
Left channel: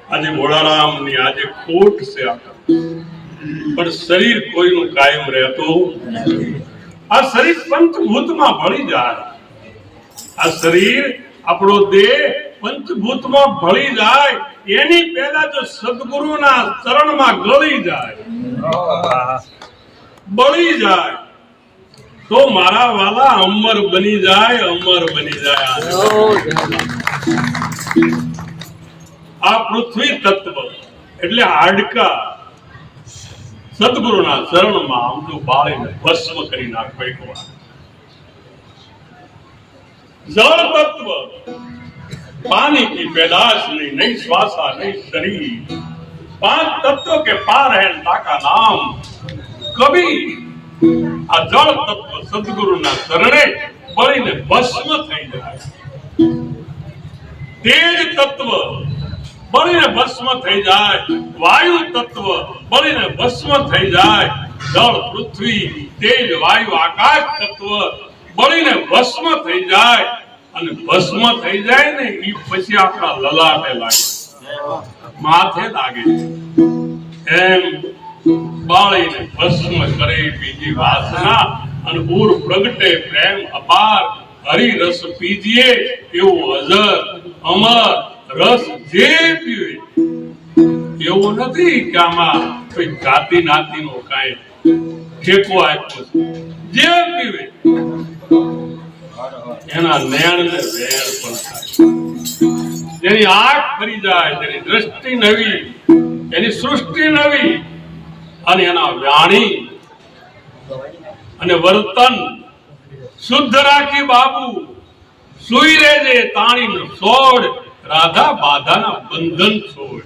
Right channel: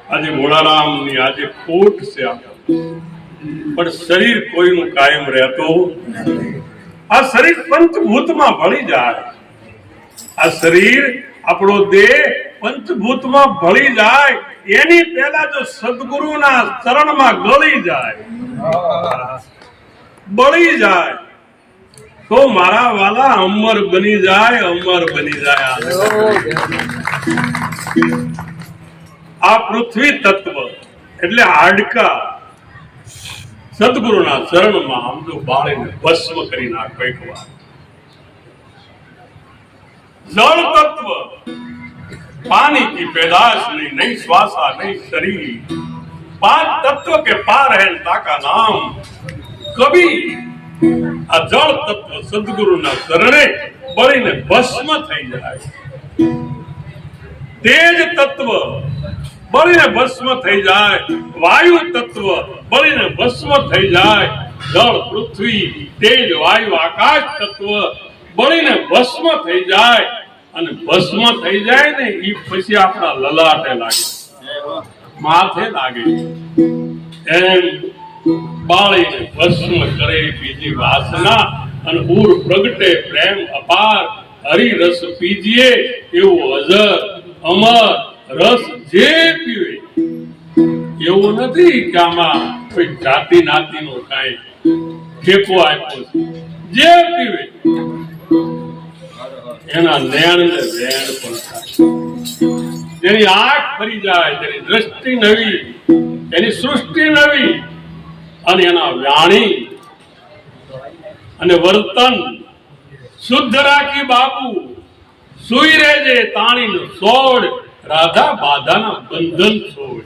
આજે ભોળારામની આજે ખોટ છે પણ શરીર કોઈનું કાયમ રહેતો આ શરીર પંચભૂતમાં ભળી જાય આ શરીર આપણો દેહ પંચભૂતમાં ભળી જાય એની પહેલા જો સદગુરુના ચરણમાં ગળી જાય બળી જાય તો મારા વાલા અમર બની જાય અમર બની જાય આ પૃથ્વી તત્વ એટલે હાડકા સદગુરુના ચરણમાં આમ તો બાળીને ભસ્મ કરી નાખો એક વાર जल तत्व पानी की पैदाश नहीं श्वासा नहीं शरीर पांच तत्व के पार है ताका नाम कभी आ जल तत्व सदगुरु ना शरणे बळीने भस्म થઈ જાય तेज तत्व बळीने भस्म થઈ જાય वायु तत्व बळीने भस्म થઈ જાય जल पृथ्वी तेज वायु आकाश तत्व बळीने भस्म થઈ જાય અને ભસ્મ થઈ જાય ને ઈ પછી આપણા લલાટે લાગે માથે લાગે એમ બાળીને ભસ્મ કરે બીજી વાસના અને ઉર પ્રગટે પ્રેમ અપાર હરિ રસ પીજીએ એવું અજર અમર રસ જે પીવે એવું નથી કે આમાં કોઈ જાતિ નાતીનો કાંઈ ઠેકો આપ્યો છે જે પીવે એના નયન ને વેણ પણ થાય જેની આંખ ફરી જાય તેની દ્રષ્ટિ નવી એની સૃષ્ટિ નવી અને એના વાણી અને વર્તન શુદ્ધ રાખી બાપુ સુઈ રહેજે તાણીનો સોડ રાધા બાધાના બંધન છોડ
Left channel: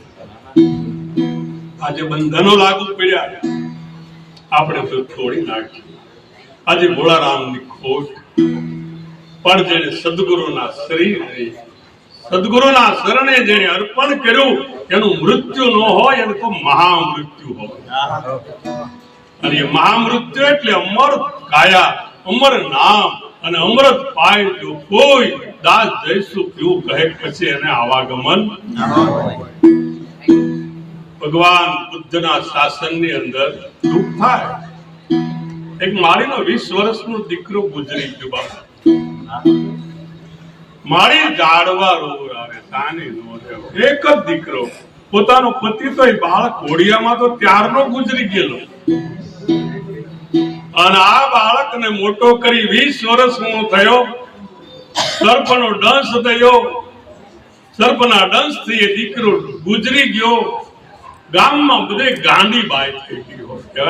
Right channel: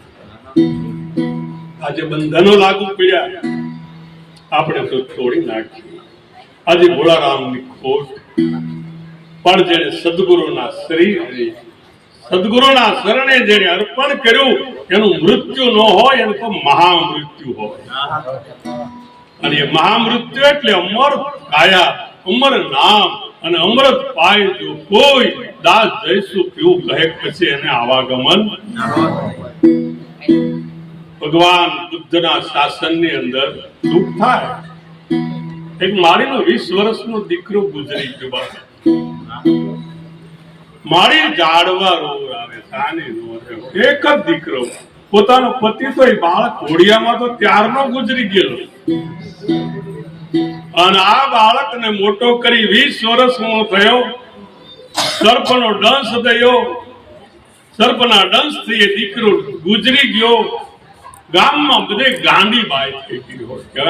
આજે બંધનો લાગુ પડ્યા આપણે તો તોડી નાખ્યું આજે ભોળારામની ખોટ પણ જેને સદગુરુના શરીર સદગુરુના શરણે જેને અર્પણ કર્યું એનું મૃત્યુ ન હોય એને તો મહામૃત્યુ હોય અને એ મહામૃત્યુ એટલે અમર કાયા અમર નામ અને અમૃત પાય જો કોઈ દાસ જઈશું પીવું કહે પછી એને આવાગમન ભગવાન બુદ્ધના શાસનની અંદર દુઃખ થાય એક મારીનો 20 વર્ષનો દીકરો ગુજરી ગયો બાપા મારી જાડવા રોગ આવે સાની નો એક જ દીકરો પોતાનો પતિ તો એ બાળક ઘોડિયામાં તો ત્યારનો ગુજરી ગયેલો અને આ બાળકને મોટો કરી 20 વર્ષનો થયો સર્પનો દંશ થયો સર્પના દંશથી એ દીકરો ગુજરી ગયો ગામમાં બધે ગાંડી બાઈ થઈ ગઈ હોય કે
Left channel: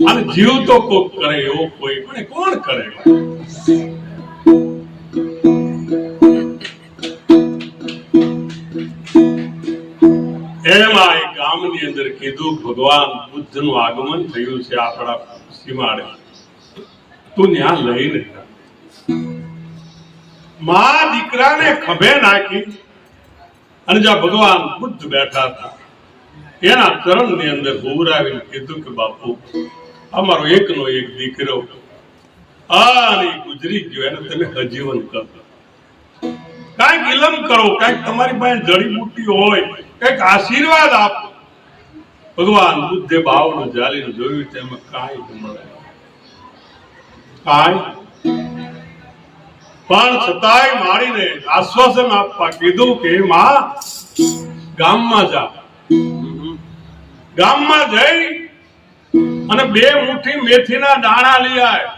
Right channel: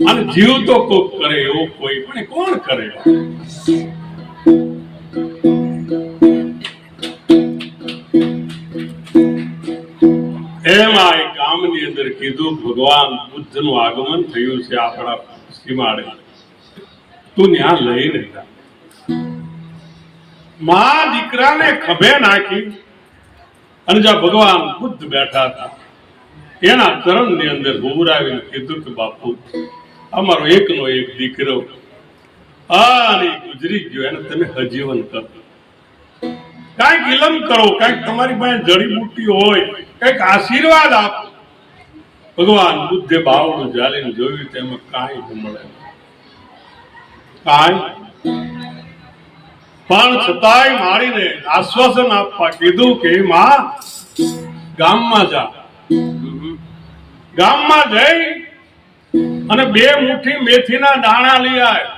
આને જીવ તો કોક કરે એવો કોઈ પણ કોણ કરે ગામની અંદર કીધું ભગવાન બુદ્ધનું આગમન થયું છે આપણા સીમાડે, તું ત્યાં લઈને જા. માં દીકરાને ખભે નાખી અને જ્યાં ભગવાન બુદ્ધ બેઠા હતા એના ચરણની અંદર ઉભરાવીને કીધું કે બાપુ અમારો એકનો એક દીકરો અને ગુજરી ગયો, એને તમે હજીવન કરો, કાંઈક ઇલમ કરો, કાંઈક તમારી પાસે જડીબુટ્ટી હોય, કાંઈક આશીર્વાદ આપો. ભગવાન બુદ્ધે બાવડું જાલીને જોયું તેમાં કાંઈ ન મળે, કાંઈ. પણ છતાંય મારીને આશ્વાસન આપવા કીધું કે માં ગામમાં જા, ગામમાં જઈ અને 2 મુઠ્ઠી મેથીના દાણા લઈ આય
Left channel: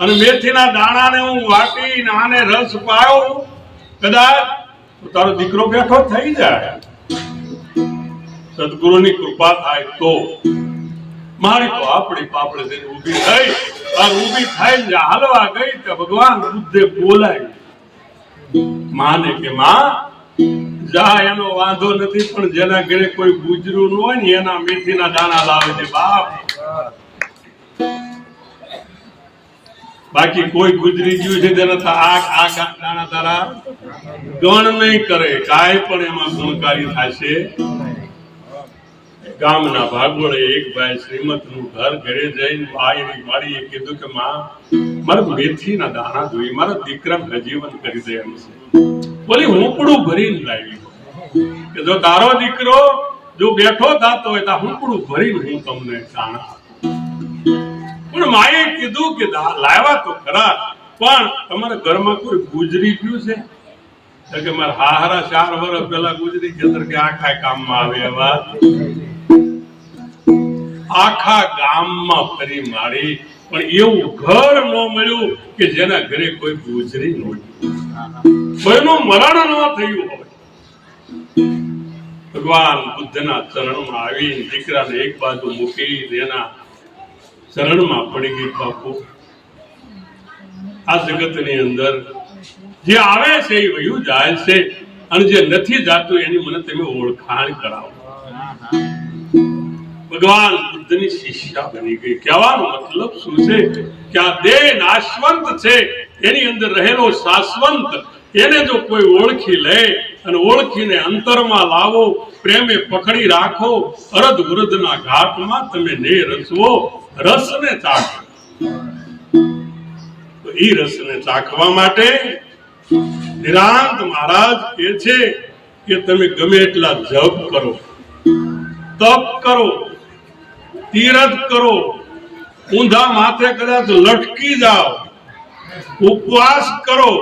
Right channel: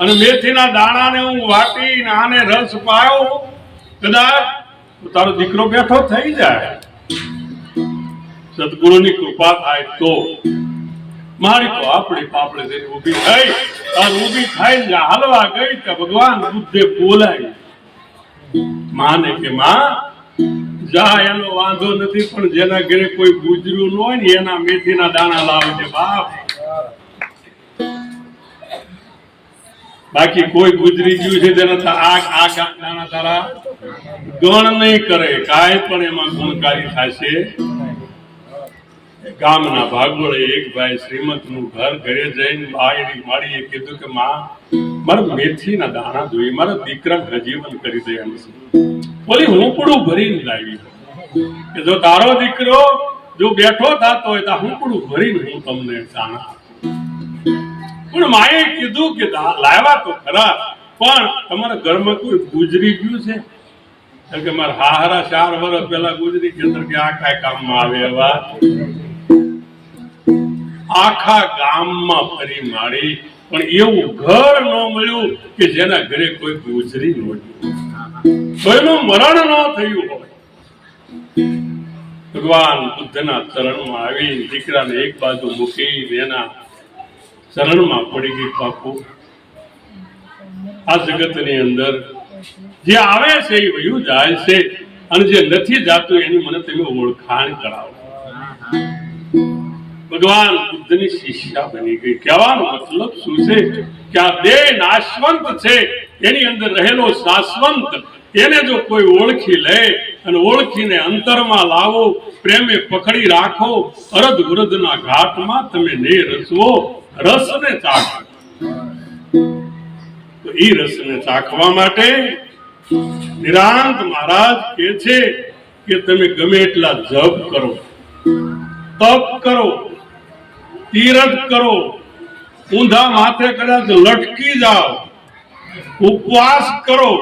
અને મેથીના દાણાને હું વાટીને આને રસ પાયો, કદાચ તારો દીકરો બેઠો થઈ જાય, સદગુરુની કૃપા થાય તો. મારી તો આપણી પાપડે જઈને ઊભી થઈ અને ઊભી થઈને હાલવા ગઈ કે ભગવાન બુદ્ધે બોલાવી માને કે માં જા, એનો વાંધો નથી, પણ જેના ઘરે કોઈ ગુજરું ન હોય ને એના મેથીના દાણા લાવજે બાપ. બાકી કોઈ ગુજરી ગયું છે તેના આ દાણા તારા ગણ નહીં કરે, કાંઈ પણ એમાં ગુણકારી થશે. ગામના ભાગોળે એક ભાઈ શ્રીમતનું ઘરે જઈને બાયની માળીએ કીધું કે માં મારે મેથીના દાણા જોઈએ, મારા દીકરાને હજીવન કરી દે એમ છે. બોલી હુંપડું ભરીને લાવી કે જો તારો દીકરો જો બેઠો થતો હોય તો હુંપડું ભરીને હું તમને દાણા. પણ માએ કીધું કે લાવ્યા તો ખરા, પણ તમારા ઘરમાં કોઈ ગુજરી ગયું છે? કે મારા હાહરા 4 વર્ષ પહેલા ગુજરી ગયા કે આ કાંઈ કામમાં આવે એવા. આખા ગામમાં ફરી મારી પણ એવું ઘર ન મળ્યું કે જેના ઘરે કોઈ ગુજરી નહોતી, કોઈનું મરણ ન થયું હોય. ભગવાન બુદ્ધના ચરણમાં આવી દીકરાને એક બાજુ મૂકી એના ચરણમાં પડી ગઈ. બાપુ આ જગતની અંદર જે આવે છે એ વયું જાય છે અને જે નથી જાતું એની મને તમે ઓળખાણ કરાવો. ભગવાન બુદ્ધની શિષ્યા બની ગઈ. કહેવાનો મતલબ શું છે કે આ દેહ નાશવંત છે, એની અંદર રહેલો શાશ્વંત એને જો કોઈ ઓળખી લે અને ઓળખીને અંતરમાં લાવો, પ્રેમે પકડી રાખો, અરધ વૃદ્ધના ઘાટમાં તમે ને રસવો, રસને ચાખો. તો એ રસને ચાખવા માટે નિરાંત મહારાજ કહે છે કે તમે ગમે એટલા જપ કરો, તપ કરો, તીરથ કરો, ઊંધા માથે કદાચ લટકી જાઓ, ઉપવાસ કરો,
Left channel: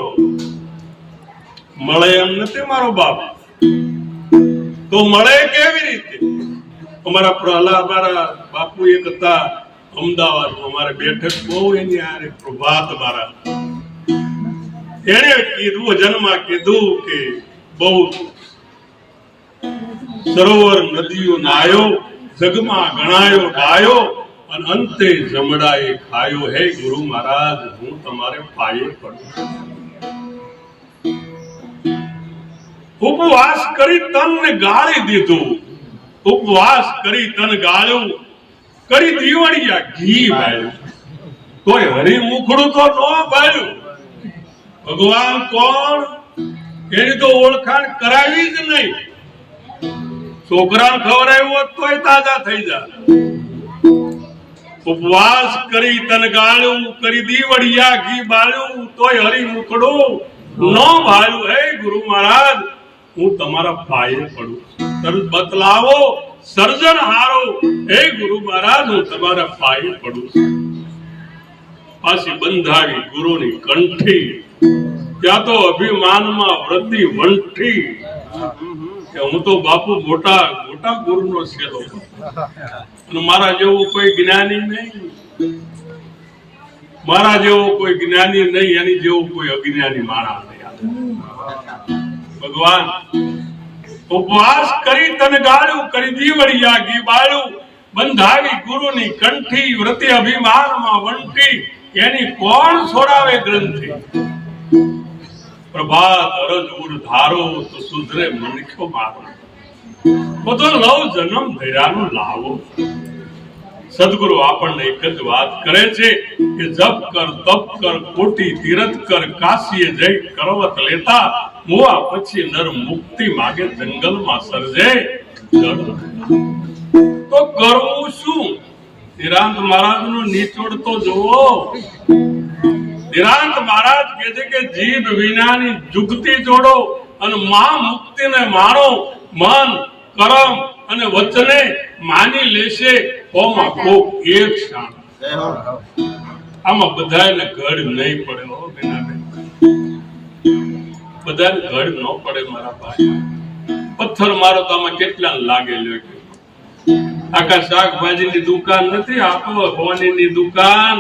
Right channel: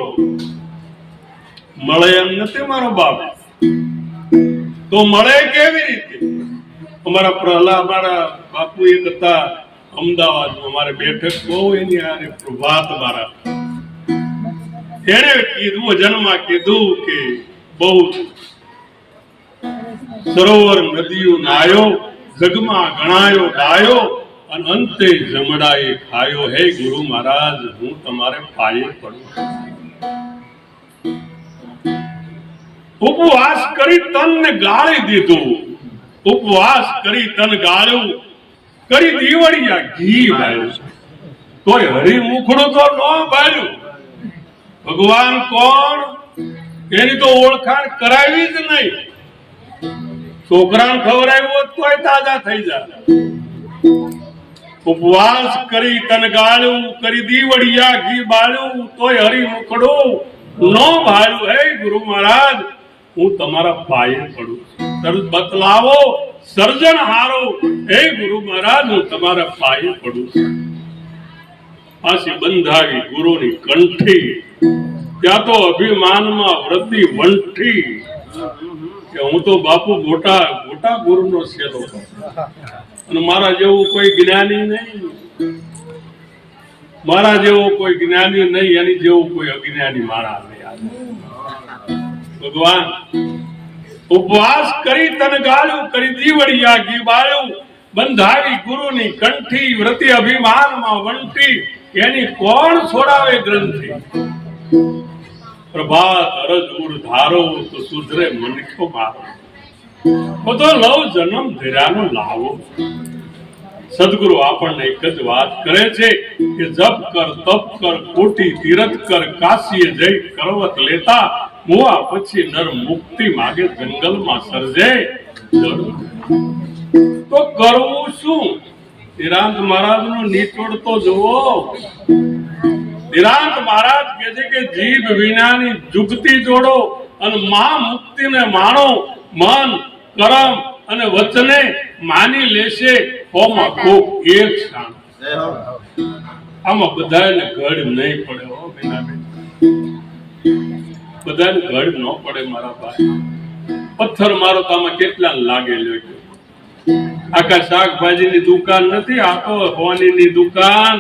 મળે એમ નથી મારો બાપ. તો મળે કેવી રીતે? અમારા પ્રહલાદ મારા બાપુ એક હતા અમદાવાદમાં, અમારે બેઠક બહુ એની આરે પ્રભાત મારા, એને કીધું જન્મમાં કીધું કે બહુ સરોવર નદીઓ નાયો, જગમાં ગણાયો ડાયો અને અંતે જમડાએ ખાયો. હે ગુરુ મહારાજ હું તમારે પાયે પડું. ઉપવાસ કરી તનને ગાળી દીધું, ઉપવાસ કરી તન ગાળ્યું, કરી દીવડિયા ઘી વાળ્યું, તોય હરી મુખડું તો ન ભાળ્યું. ભગવાન કોણ એની તો ઓળખાણ કરાવી જ નહીં. છોકરાને ખવડાવ્યું હોત તોય તાજા થઈ જાય. ઉપવાસ કરી તન ગાળ્યું, કરી દીવડિયા ઘી બાળ્યું, તોય હરી મુખડું ન ભાળ્યું. હે ગુરુ મહારાજ હું તમારા પાયે પડું, તરત બતલાવો સર્જન હારો. હે ગુરુ મહારાજ હું તમારા પાયે પડું. પાછી બંધાવી ગુરુની કંઠી, ત્યાં તો અભિમાનમાં વ્રતી વંઠી કે હું તો બાપુ મોટા મોટા ગુરુનો શેલો અને મારા જેવું કોઈ જ્ઞાની નહીં, મારા જેવો કોઈ જ્ઞાની નહીં, એની જેવું કોઈ અજ્ઞાની માણસ નહીં. ભગવાન ઉપવાસ કરી તન ગાળ્યું, કરી દીવડિયા ઘી બાળ્યું, બંધાવી ગુરુની કંઠી, વ્રતિ અભિમાનમાં વંટી, એની કોણ છોડાવે ગ્રંથિ. પ્રભાત અરજ ઉર ધારો તો સુધરે મનખ્યો મારો. તો લવ જન્મ ધર્યાનો લાવો. સદગુરુ આપણને એક જ વાત કરે છે કે જપ કર, તપ કર, કોટી તીરથ કર, કાશીએ જઈ કરવત લેતા, મુવા પછી નર મુક્તિ માગે જંગલમાં સર્જે જળ. તો કરવું શું? ધીરાંત મહારાજનો નીચોડ તો જુઓ. ધીરાંત મહારાજ કહે છે કે જીભ વિનાની જુગતી જોડો અને મા મુક્તિને માણો. મન, કરમ અને વચને માની લેશે કોમાં કોક એક ક્ષણ. આમાં બધાને ઘડ નહીં પડે હો બેનાબેન, બધાને ઘડ ન પડે મારા ભાઈ. પથ્થર મારો તો આમાં કેટલા લાગે લ્યો. આખા શાકભાજીની દુકાન નથી, આ તો હોનીની દુકાન.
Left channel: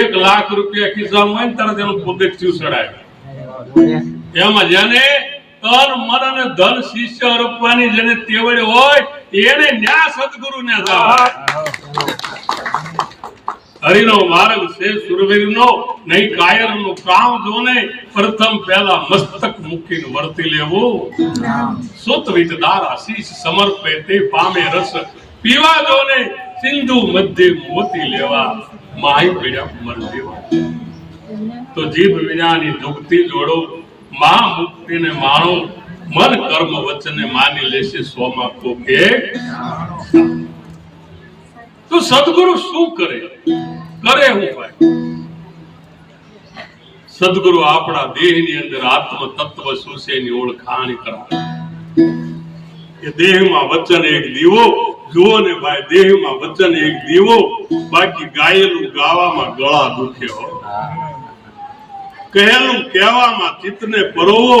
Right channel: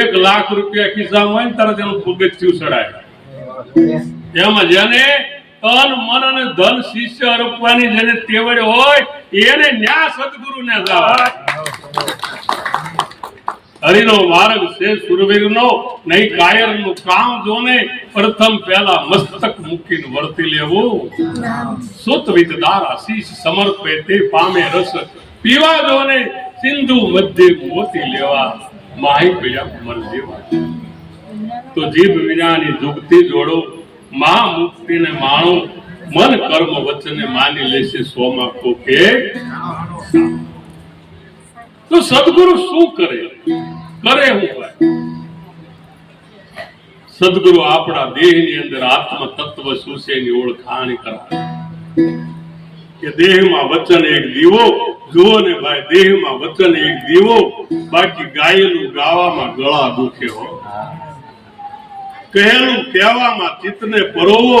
1 લાખ રૂપિયા ખિસ્સામાં હોય ને તરત એનું પગથિયું ચડાય. એમાં જેને તન મન અને ધન શિષ્ય અર્પવાની જેને તેવડ હોય એને ન્યા સદગુરુને જવાય. હરિનો માર્ગ છે સુરવીરનો, નહીં કાયરનું કામ જોને. પ્રથમ પહેલા મસ્તક મૂકીને વર્તી લેવું. સુત વિદદાર આશીષ સમર્પે તે પામે રસ. પીવા જોને સિંધુ મધ્ય મોતી લેવા. માહી પીડ્યા મર દેવા. તો જીભ વિનાની જુગતી જોડો, મા મુક્તિને માણો. મન કર્મ વચને માની લેશે સોમાં કોકે. તો સદગુરુ શું કરે? કરે હું ભાઈ? સદગુરુ આપણા દેહની અંદર આત્મ તત્વ શું છે એની ઓળખાણ કરાવે. કે દેહમાં વચન એક દીવો. જુઓ ને ભાઈ, દેહમાં વચન એક દીવો, બાકી ગાયેલું ગાવામાં ગળા દુખે હો. કહેલું કહેવામાં ચિત્તને પરોવો.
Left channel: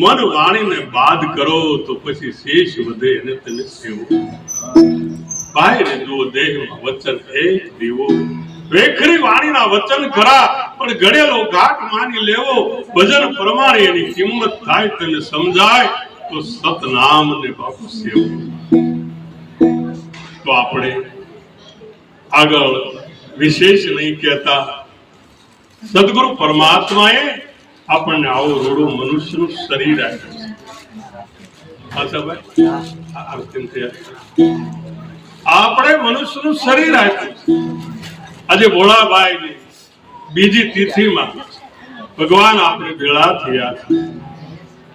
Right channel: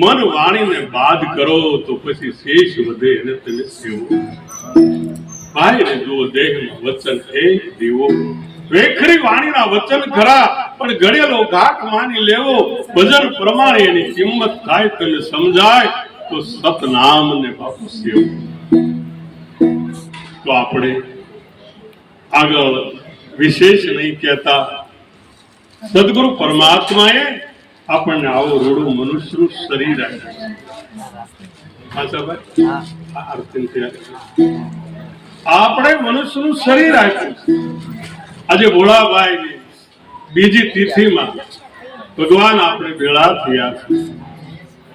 મન વાણીને બાદ કરો તો પછી શેષ વધે અને તેને સેવો. ભાઈ રે જુઓ, દેહમાં વચન એક દીવો. વેખરી વાણીના વચન ખરા, પણ ઘડેલો ઘાટ માની લેવો. ભજન પ્રમાણે એની કિંમત થાય તને સમજાય તો સતનામ ને બાપુ સેવો. તો આપણે આગળ વિશેષ નહીં કહેતા. સદગુરુ પરમાત્માએ આપણને આવો રોડું મનુષ્યનું શરીર આપ્યું છે. પાછા ભાઈ આપણે મનુષ્યનું શરીર આપ્યું છે. આજે ભોળાભાઈ ની બીજી તિથિમાં ભગવાન આપણે ભેળા થયા છે.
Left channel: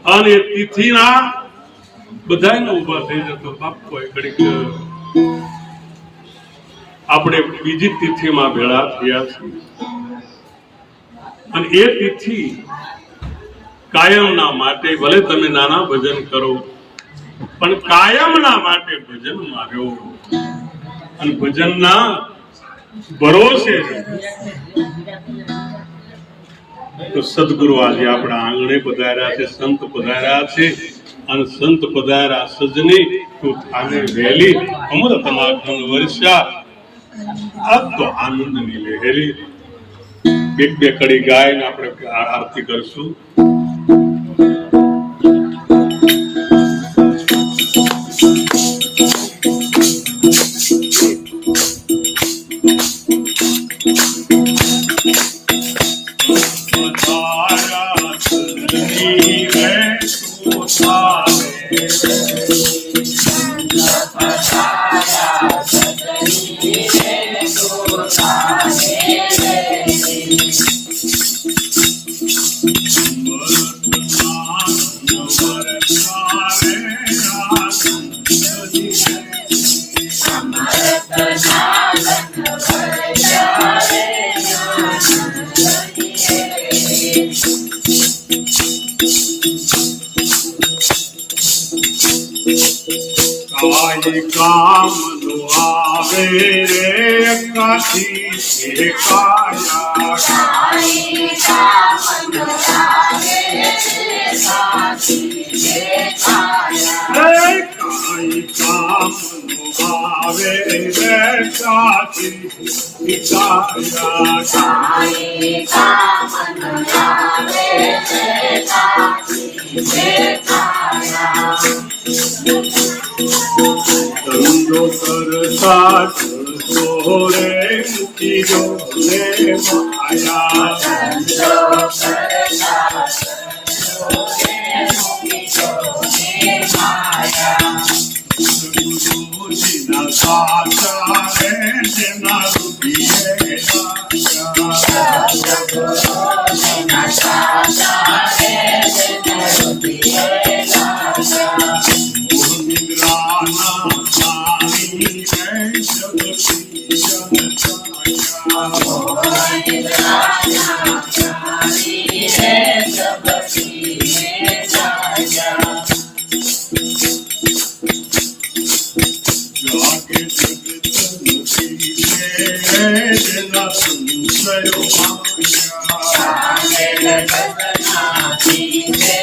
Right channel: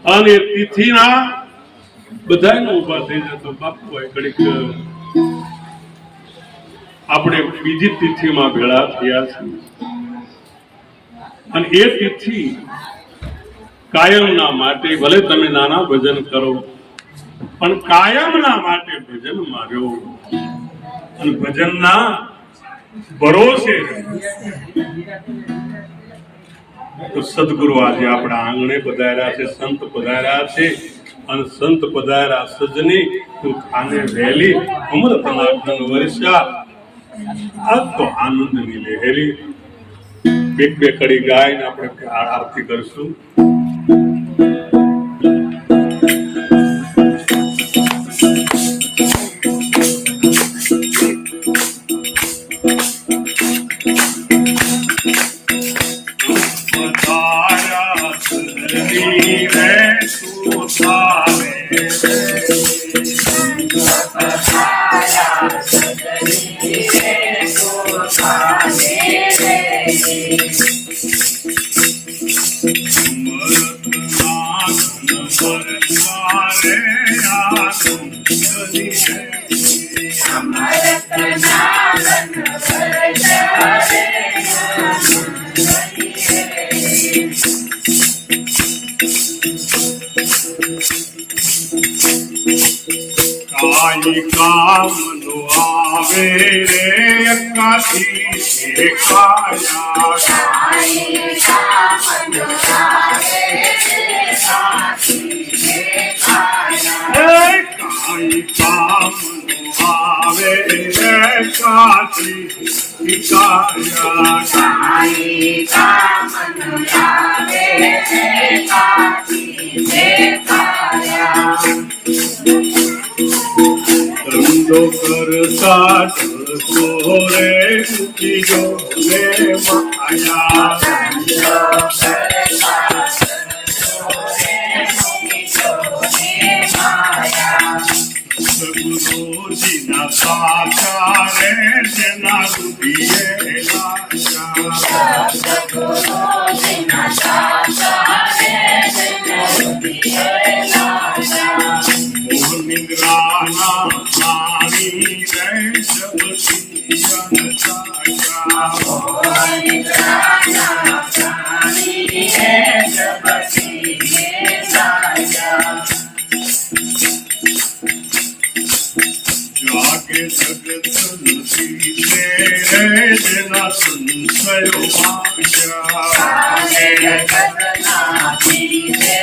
અને તિથિના બધાને ઉભા થઈ જતો બાપુ ઘડીક આપણે બીજી તિથિમાં ભેળા થયા છીએ. અને એ તિથિ કાયમના માટે, ભલે તમે નાના ભજન કરો પણ કાયમના માટે ભજન માર્યો. અને ભજનના ભરોસે તો સદગુરુ આજે આપણા આંગણે પધાર્યા છે, સંત પધાર્યા છે. અને સંત પધાર્યા સજની તું થાને વહેલી, અમૃતના ઘન વર્ષા આજ તો આનંદની લહેરી. એક બે કડી ગાઈને આપણે આરતી કરશું. કાઈ કામ નો આવે રે કાથી એ કાયા. કાઈ કામ નો આવે રે કાથી એ કાયા. કાઈ કામ નો આવે રે કાથી એ કાયા. કાઈ કામ નો આવે રે કાથી એ કાયા. ધંધો કરતા ચલતો રે મૂકીજો ને માયા. ધંધો કરતા ચલતો રે મૂકીજો ને માયા. સદગુરુજીના સાચા રે જેના રૂપિયે લાગ્યા. સદગુરુજીના સાચા રે જેના રૂપિયે લાગ્યા. મોહ નિદ્રાના પાણી રે શબદી જનતાયા. મોહ નિદ્રાના પ્રાણી હે સબસીએ લાગ્યા. જાગે જગત નથી રે જેના સંશયો ભાગ્યા. આગે જગતના પીરે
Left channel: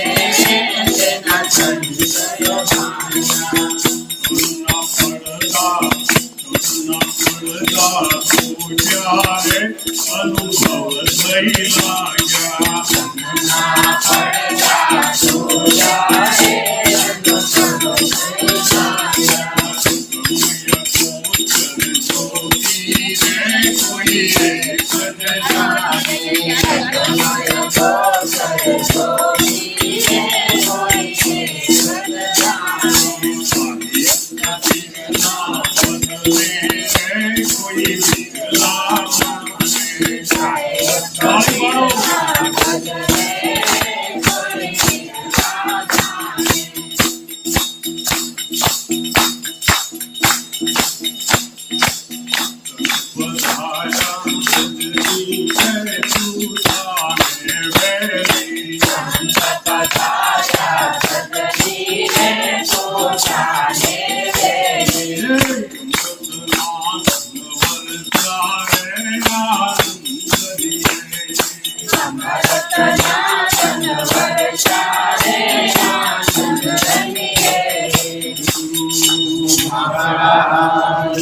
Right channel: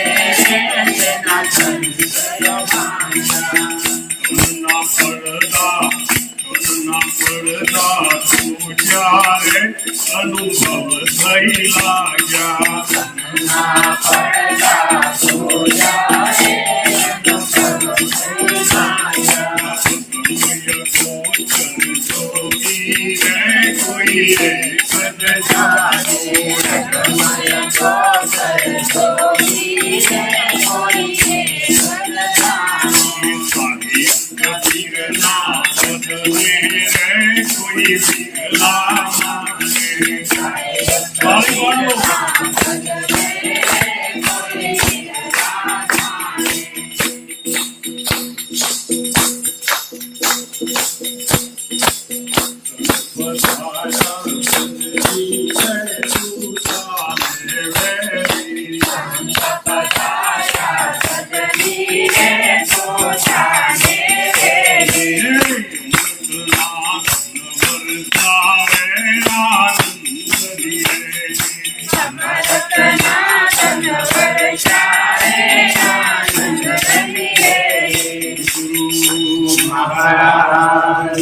જેના સંશયો ભાગ્યા. કરુણા પડદા પૂજા રે અનુભવ થઈ લાગ્યા. ના પડદા સોયા રે અનુભવ થઈ લાગ્યા. જોગી રે કોઈ એક જ જાગે. સમય જોગર જોગી રે કોઈ એક જ જાણે. તીરના બદલે રે કોઈ વિરલા માને. તાળી પાડો. મહારાજ